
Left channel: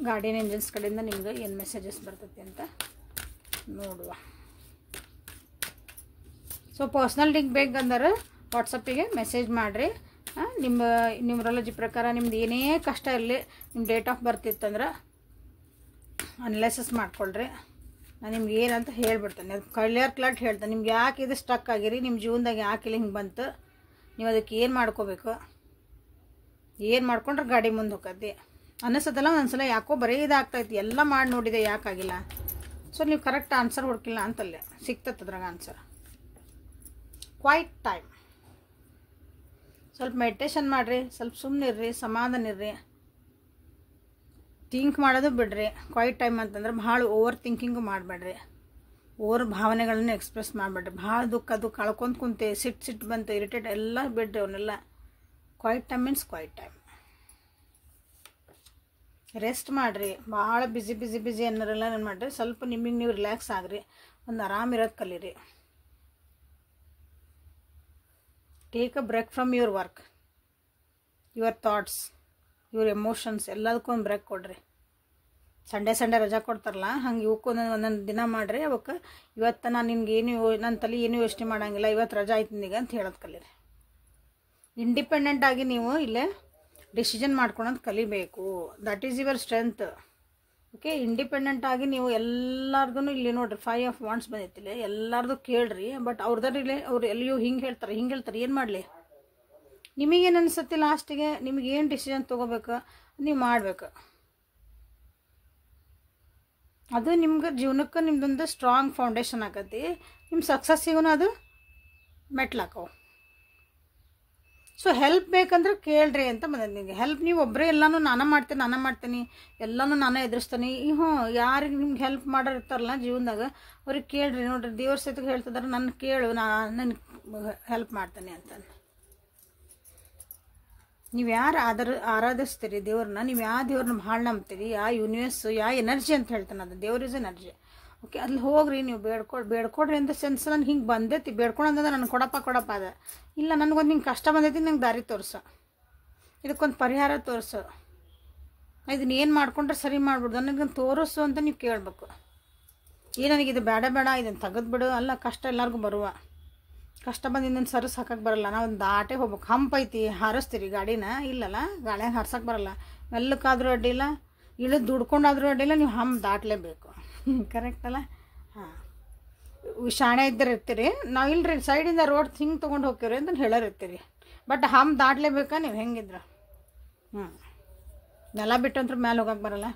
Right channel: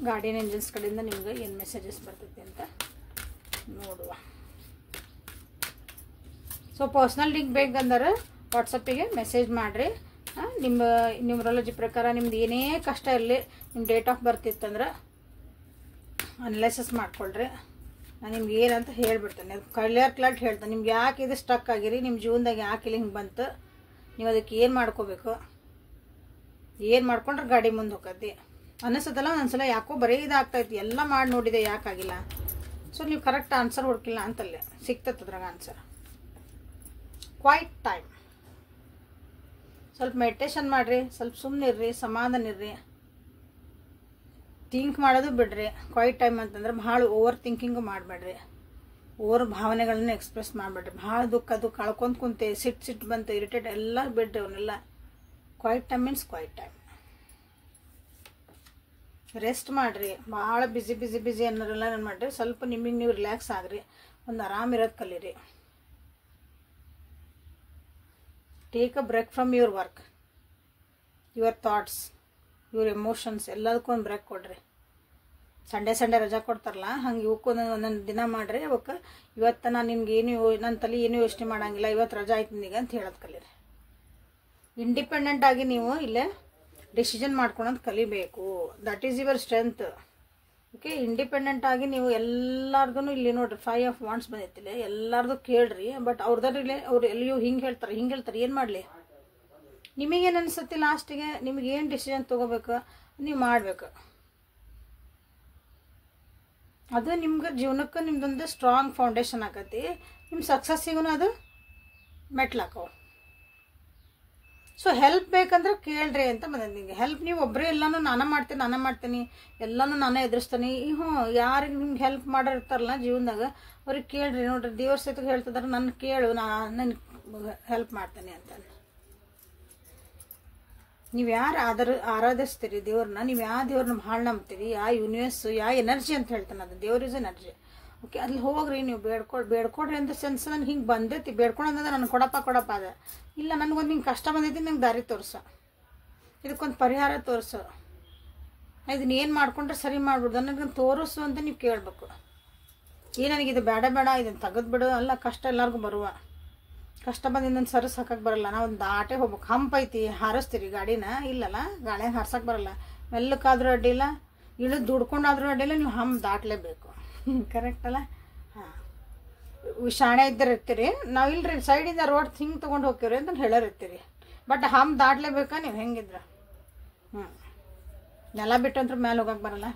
ಗಾರ್ಡಿಯನ್ ಏಂಜಲ್ಸ್ ಕಡೆಯಿಂದ ನಿಮ್ಗೆ ಏನು ಮೆಸೇಜಸ್ ಬರ್ತೈತಿ ಅಂತ ನೋಡುವ. ಸೊ ಪರ್ಸ್ನಲ್ ಲಿಂಕ್ ಬೇಕಂದ್ರೆ ವಾಟ್ಸಪ್ಪಿಗೆ ಮೆಸೇಜ್ ಮಾಡಿರಿ. ನಿಮ್ಮ ನ್ಯೂಮರಾಲಜಿ ಪ್ರಕಾರ ನಿಮ್ದು ಏನೇ ಕಷ್ಟ ಇರಲಿ, ನಿಮ್ಮ ಡೇಟ್ ಆಫ್ ಬರ್ತ್ ಇತ್ತಂದ್ರೆ ಅನಲೈಸಿಸ್ ಮಾಡ್ಕೊಳ್ರಿ. ನಾನು ನಿಮ್ಗೆ ಏನಂತ ಹೇಳ್ಬಿಡ್ತೇನೆ. ಅದು ಕ್ಲಿಯರ್ ಹೇಳ್ತೇನೆ. ನಿಮ್ಗೆ ಯಾಕೆ ಇದು ಸ್ಟಕ್ ಆಗಿರಿ, ನಿಮ್ಮ ಜೀವನದಾಗ ಯಾಕೆ ಇಲ್ಲಿ ಹಿಂಗೆ ಬಂತು, ನೀವು ಅದಕ್ಕೆ ಏನು ಮಾಡ್ಕೋಬೇಕು, ಏನು ಮಾಡ್ಕೊಂಡ್ರೆ ಗಾಡಿ ಮುಂದೆ ಹೋಗತ್ತೆ ಅನ್ನಿಸ್ತದಲ್ಲ. ಒಂದೊಂದ್ಸಲ ಯಾಕೋ ಬರೀ ಇದಾಗ್ತೈತಿ, ಎಲ್ಲ ಮಾಡಿ ನೋಡಿದೆ ಯಾಕಾಗಿಲ್ಲ. ಸೊ ನೀವು ಕರೆಕ್ಟ್ ಆನ್ಸರ್ ಹುಡುಕಿಲ್ಲ ಅಂತಲ್ಲೇ ಸಿಗ್ತದೆ ಅದ್ರಾಗ ಆನ್ಸರ್. Quiet time. ಸ್ವಲ್ಪ ಮೆಡಿಟೇಷನ್ ಮಾಡಿರಿ, ಸ್ವಲ್ಪ ಸುಮ್ಮನಿರ್ರಿ, ಸಮಾಧಾನ ಇರ್ರಿ, ಥಿಂಕ್ ಮಾಡೋದು ಬಿಡ್ರಿ. ಕ್ವೈಟ್ ಟೈಮ್ ಅಂತಂದ್ರೆ ಭಾಳ ಓವರ್ ಥಿಂಕಿಂಗು ಮಾಡಬೇಡ್ರಿ, ಓವರ್ ಭಾವನೆಗಳನ್ನ ಎಕ್ಸ್ಪ್ರೆಸ್ ಮಾಡಬೇಡ್ರಿ. ಭಾಳ ದುಃಖ ಕಳ್ಕೊಂತ ಕುಂತೆ, ಸಿಟ್ಟು ಬಂತು, ಇರಿಟೇಟ್ ಎಲ್ಲ ಬಿಡ್ರಿ ಅವನ್ನೆಲ್ಲ. Quiet time means quiet time. Rest ಮಾಡಿರಿ. ಭಾಳ ಬಿಸಿ ಅನ್ನೋರೆಲ್ಲ ಏನು ಮಾಡಿರಿ, ಸ್ವಲ್ಪ ನಿಮಗೆ ನೀವು ರಿಲ್ಯಾಕ್ಸ್ ಆಗ್ರಿ, ಒಂದು ಆರಾಮಿರೋದು ಕಲೀರಿ. Take a break from your work, your thoughts, your emotions, ಎಲ್ಲದಕ್ಕೂ ಒಂದು ಬ್ರೇಕ್ ಕೊಡ್ರಿ. ಸಂಡೇ ರಜಾ ಕೊಡ್ತಾರಲ್ಲ ಹಂಗೆ ಇವಕ್ಕೂ ಒಂದೊಂದು ದಿನ ಮಾಡಿರಿ. ಅವಕ್ಕೆ ಇವತ್ತು ನಾನು ನಿನ್ಗೆ ನನ್ನ ತಲೆ ಏನೂ ಯೋಚನೆ ಮಾಡೋಂಗಿಲ್ಲ, ಇವತ್ತು ರಜಾ ಆಯ್ತು ನಿನಗೆ ಅಂತ ಹೇಳೋದು ಕಲೀರಿ. ಇಂಡಿಪೆಂಡೆಂಟ್ ಆಗಿ ನೀವು ಇಲ್ಲೇ ಡಿಸಿಷನ್ ಮಾಡ್ಕೊಳೋದು ಕಲಿಬೇಕು. That is your strength. Okay, independent ಆಗಿ ನೀವು ಎಲ್ಲಾರ್ಗು ಇಲ್ಲಿ ನೋಡ್ರಿ 5 ಆಫ್ ವಾಂಡ್ಸ್ ಬಂದಿತ್ತಿಲ್ಲ, ಎಲ್ಲಾರ್ದು ಕೇಳ್ರಿ. ಬಟ್ ಅವ್ರದ್ರಲ್ಲಿ ಅವ್ರು ಎಲ್ಲಿಯೂ ಹಿಂಗೆ ಹೇಳ್ತಾರೆ ಏನು ಮಾಡಲಿ, ನಿಮಗೇನು ಅನಿಸುತ್ತೆ ಲಾಸ್ಟಿಗೆ, ನಿಮಗೇನು ಡಿಸಿಷನ್ ತೊಗೋಬೇಕು ನೀವು ಮಾಡ್ಬೇಕು. ಅದು ನಿಮ್ಗೆ ಜೀವನಕ್ಕೆ ನಿಮ್ದೊಂದು ಸ್ಟ್ರಾಂಗ್ ಫೌಂಡೇಶನ್ ಆಕತಿ, ನಿಮ್ಮ ಸಕ್ಸಸ್ಸಿಗೂ ಅದು ಮೆಟ್ಲಾಕವು. ಸೊ ಹೆಲ್ಪ್ ಬೇಕಂದ್ರೆ ಕೇಳ್ರಿ ಅಂತ ಬಂದದ್ದು. ನಿಮಗೆ ಹೆಲ್ಪ್ ನೀವು ಒಬ್ಬರೇ ಎಲ್ಲನೂ ನಾನೇ ಮಾಡ್ತೀನಿ ಎಲ್ಲನೂ ನಾನೇ ಎದುರಿಸ್ತೀನಿ. ಯಾರಿಗೆ ನಿಮ್ಗೆ ಹೆಲ್ಪ್ ಮಾಡಿರ್ತಾರಲ್ಲ ಜೀವನದಾಗ ಅವ್ರಿಗೆ ಕೇಳ್ರಿ. ನೋಡ್ರಿ ದೇವ್ರ ಸಹಿತ ಹೇಳ್ತಿದಾರೆ, ನನ್ನ ಕೇಳು, ನಾನು ಹೆಲ್ಪ್ ಮಾಡ್ತೇನೆ ಅಂತ. ನೀವು ಯಾರು ಆರಾಧಿಸ್ತೀರಿ ದೇವ್ರನ್ನ, ನೀವು ಯಾವ ದೇವ್ರನ್ನ ಭಾಳ ನಂಬ್ತೀರಿ, ಯಾವ ಯೂನಿವರ್ಸ್, ಯಾವ ಎನರ್ಜಿ ಅಂತ ಹೇಳ್ತಾನೆ, ಅದು ದೇವ್ರ ಇಸ್ ಎನರ್ಜಿ. ಓಕೆ, ಅಲ್ಲಿ ಹೋಗ್ರಿ, ನೀವು ಬೇಡ್ಕೊಡ್ರಿ ಅಂತ ಸೆನ್ಸ್. ನಾನು ಹಿಂಗೆ ಬಂದೈತಿ ಬೇಡ್ಕೊಂಡಂದ್ರೆ ನನಗೆ ಕೊಡಪ್ಪ ಅದ ಇಲ್ಲ, ನನಗೊಂದು ಹಿಂಗೆ ಕಷ್ಟ ಬಂದೈತಿ, ನಂಗೆ ದಾರಿ ತೋರಿಸು, ಇದಕ್ಕೊಂದು ಪರಿಹಾರ ತೋರಿಸು, ಇದನ್ನ ಏನು ಮಾಡ್ಕೊಂಡ್ರೆ ಸರಿ ಮಾಡ್ಬಿಡ್ದು ನನಗೆ ತೋರಿಸು ಅಂತ ನೀವು ಕೇಳಬೇಕು. ನನಗಿದು ಬೇಡ ಇದನ್ನು ತೆಗೆದ್ಬಿಡು ಅಲ್ಲ. ಕಷ್ಟ ಎಲ್ಲರಿಗೂ ಬರುವ ಕಷ್ಟ ಬಂದು ಇನ್ನೊಂದು ಸರಸ್ ಹಾಕಕ್ಕೆ ಬರಲ್ಲ. ನಾವು ಒಂದು ದಾಟೆ ಹೋಗ್ಬೇಕು. ಹಂಪ್ ಐತಿ, ಹಾರಿಸ್ತೀರಿ ಗಾಡಿನ, ಇಲ್ಲಲ್ಲ ಗಾಳಿಯಾಗ ಹಾರ್ಸಕ್ಕೆ ಬರಲ್ಲ. ಮೆಲ್ಲಕ್ಕಾದ್ರೂ ಅಡ್ಡಿಲ್ಲ, ಇಳಿದು ದುಡ್ಕೊಂಡಾದ್ರೂ ಅಡ್ಡಿಲ್ಲ, ನೀವು ಹಂಪ್ ದಾಟಲೇಬೇಕು. ಕರೆಕ್ಟ್ ಅಲ್ಲ? ಹಾಂ, ಶಾಣೆ ಇದ್ದರೆ ಇರ್ತೀರಿ. ನಾವು ಇಲ್ರಿ ಸೈಡಿಂದ ರೋಡ್ ಹಿಂಗೆ ತೊಗೊಂಡು ಹೋಗ್ತೀರಿ ಅಂತ ಹೇಳೋರಿರ್ತೀರಿ. ಬಟ್ ಹಂಪ್ ದಾಟ್ಲೇಬೇಕಾ ನೀವು ಹೆಂಗಿದ್ರೆ. ನೆಲ ಬಿಟ್ಟಂತ್ರ ಮೇಲೆ ಹೋಗಕ್ಕೆ ಬರಲ್ಲ.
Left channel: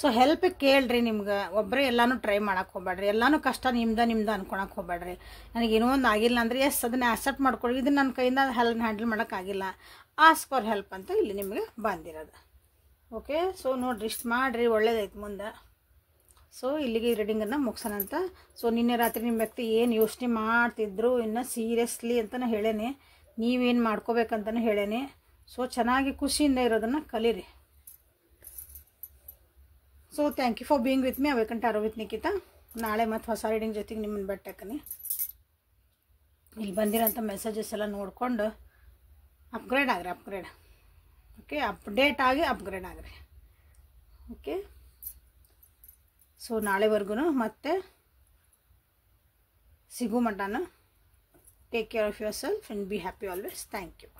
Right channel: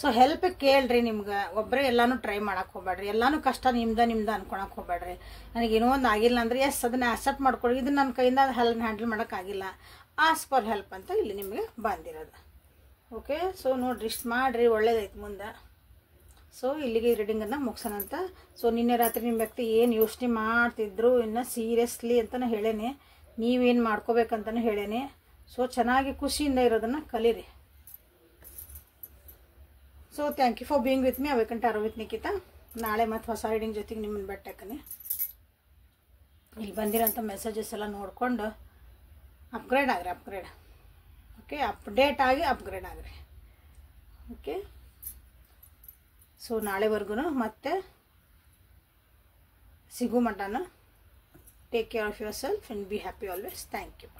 ಸೊ ಹೆಲ್ಪ್ ಕೇಳ್ರಿ. ನಿಮ್ಗೆ ಒಬ್ಬರೇ ಎಲ್ಲಾನು ಟ್ರೈ ಮಾಡಕ್ಕೆ ಹೋಗ್ಬೇಡ್ರಿ. ಎಲ್ಲಾನು ಕಷ್ಟ ನಿಮ್ದ ಅನ್ಕೊಳಕ್ಕೆ ಹೋಗ್ಬೇಡ್ರಿ. ನನಗೇನೋ ಒಂದು ಆಗಿಲ್ಲ ಅಂದರೆ ಎಸ್ ಅದನ್ನ ಆಕ್ಸೆಪ್ಟ್ ಮಾಡ್ಕೊಳ್ಳಿ. ಇದು ನನ್ನ ಕೈಯಿಂದ ಹ್ಯಾಂಡಲ್ ಮಾಡೋಕ್ಕಾಗಿಲ್ಲ, ಆಸ್ಕ್ ಫಾರ್ ಹೆಲ್ಪ್ ಅಂತ ಇಲ್ಲಿ ನಿಮಗೆ ಬಂದಿರೋದು. ಓಕೆ, ಸೊ ನೋಡ್ರಿ ಇಷ್ಟು ಮಾಡಿರಿ, ಒಳ್ಳೇದೈತೆ ಮುಂದೆ. ಸೊ ಇಲ್ಲಿಗೆ ರೀಡಿಂಗನ್ನು ಮುಗಿಸೋಣ ಅಂತ. ಸೊ ನಿನ್ನೆ ರಾತ್ರಿ ನಿಮ್ಮ ವ್ಯಕ್ತಿ ಏನು ಯೋಚನೆ ಮಾಡ್ತಿದ್ರು ಇನ್ನು ಸೀರಿಯಸ್ಲಿ ಅಂತ ಹೇಳೇನೆ, ನೀವೇನು ಮಾಡ್ಕೋಬೇಕಂತಲೂ ಹೇಳೇನೆ. ಸೊ ಚೆನ್ನಾಗಿ ಖುಷಿಯಿಂದ ಇರೋದನ್ನು ಕಲೀರಿ. So thank you for being with me. ಅವೇಕಂಟ ಟಾರೋ ವಿತ್ ನಿಖಿತಾ. ನಾಳೆ ಮತ್ತು ಹೊಸ ರೀಡಿಂಗ್ ಜೊತೆಗೆ ನಿಮ್ಮನ್ನು ಬೆಟ್ಟಾಕನಿ. ಇಲ್ಲಿ ಬಂದಿರೋಂಥ ಮೆಸೇಜಸ್ ಎಲ್ಲ ನೋಡಿಕೊಂಡು ಅಪ್ಗ್ರೇಡ್ ಆಗ್ರಿ. ಓಕೆ, ಅಪ್ಡೇಟ್ ಆಗಿ ಅಪ್ಗ್ರೇಡ್ ಆಗ್ರಿ. ಓಕೆ, ಸೊ ನಾಳೆವರೆಗೂ ಮತ್ತೆ ಸಿಗೋ ಮಟನ. Take care of yourself and be happy always. Thank you.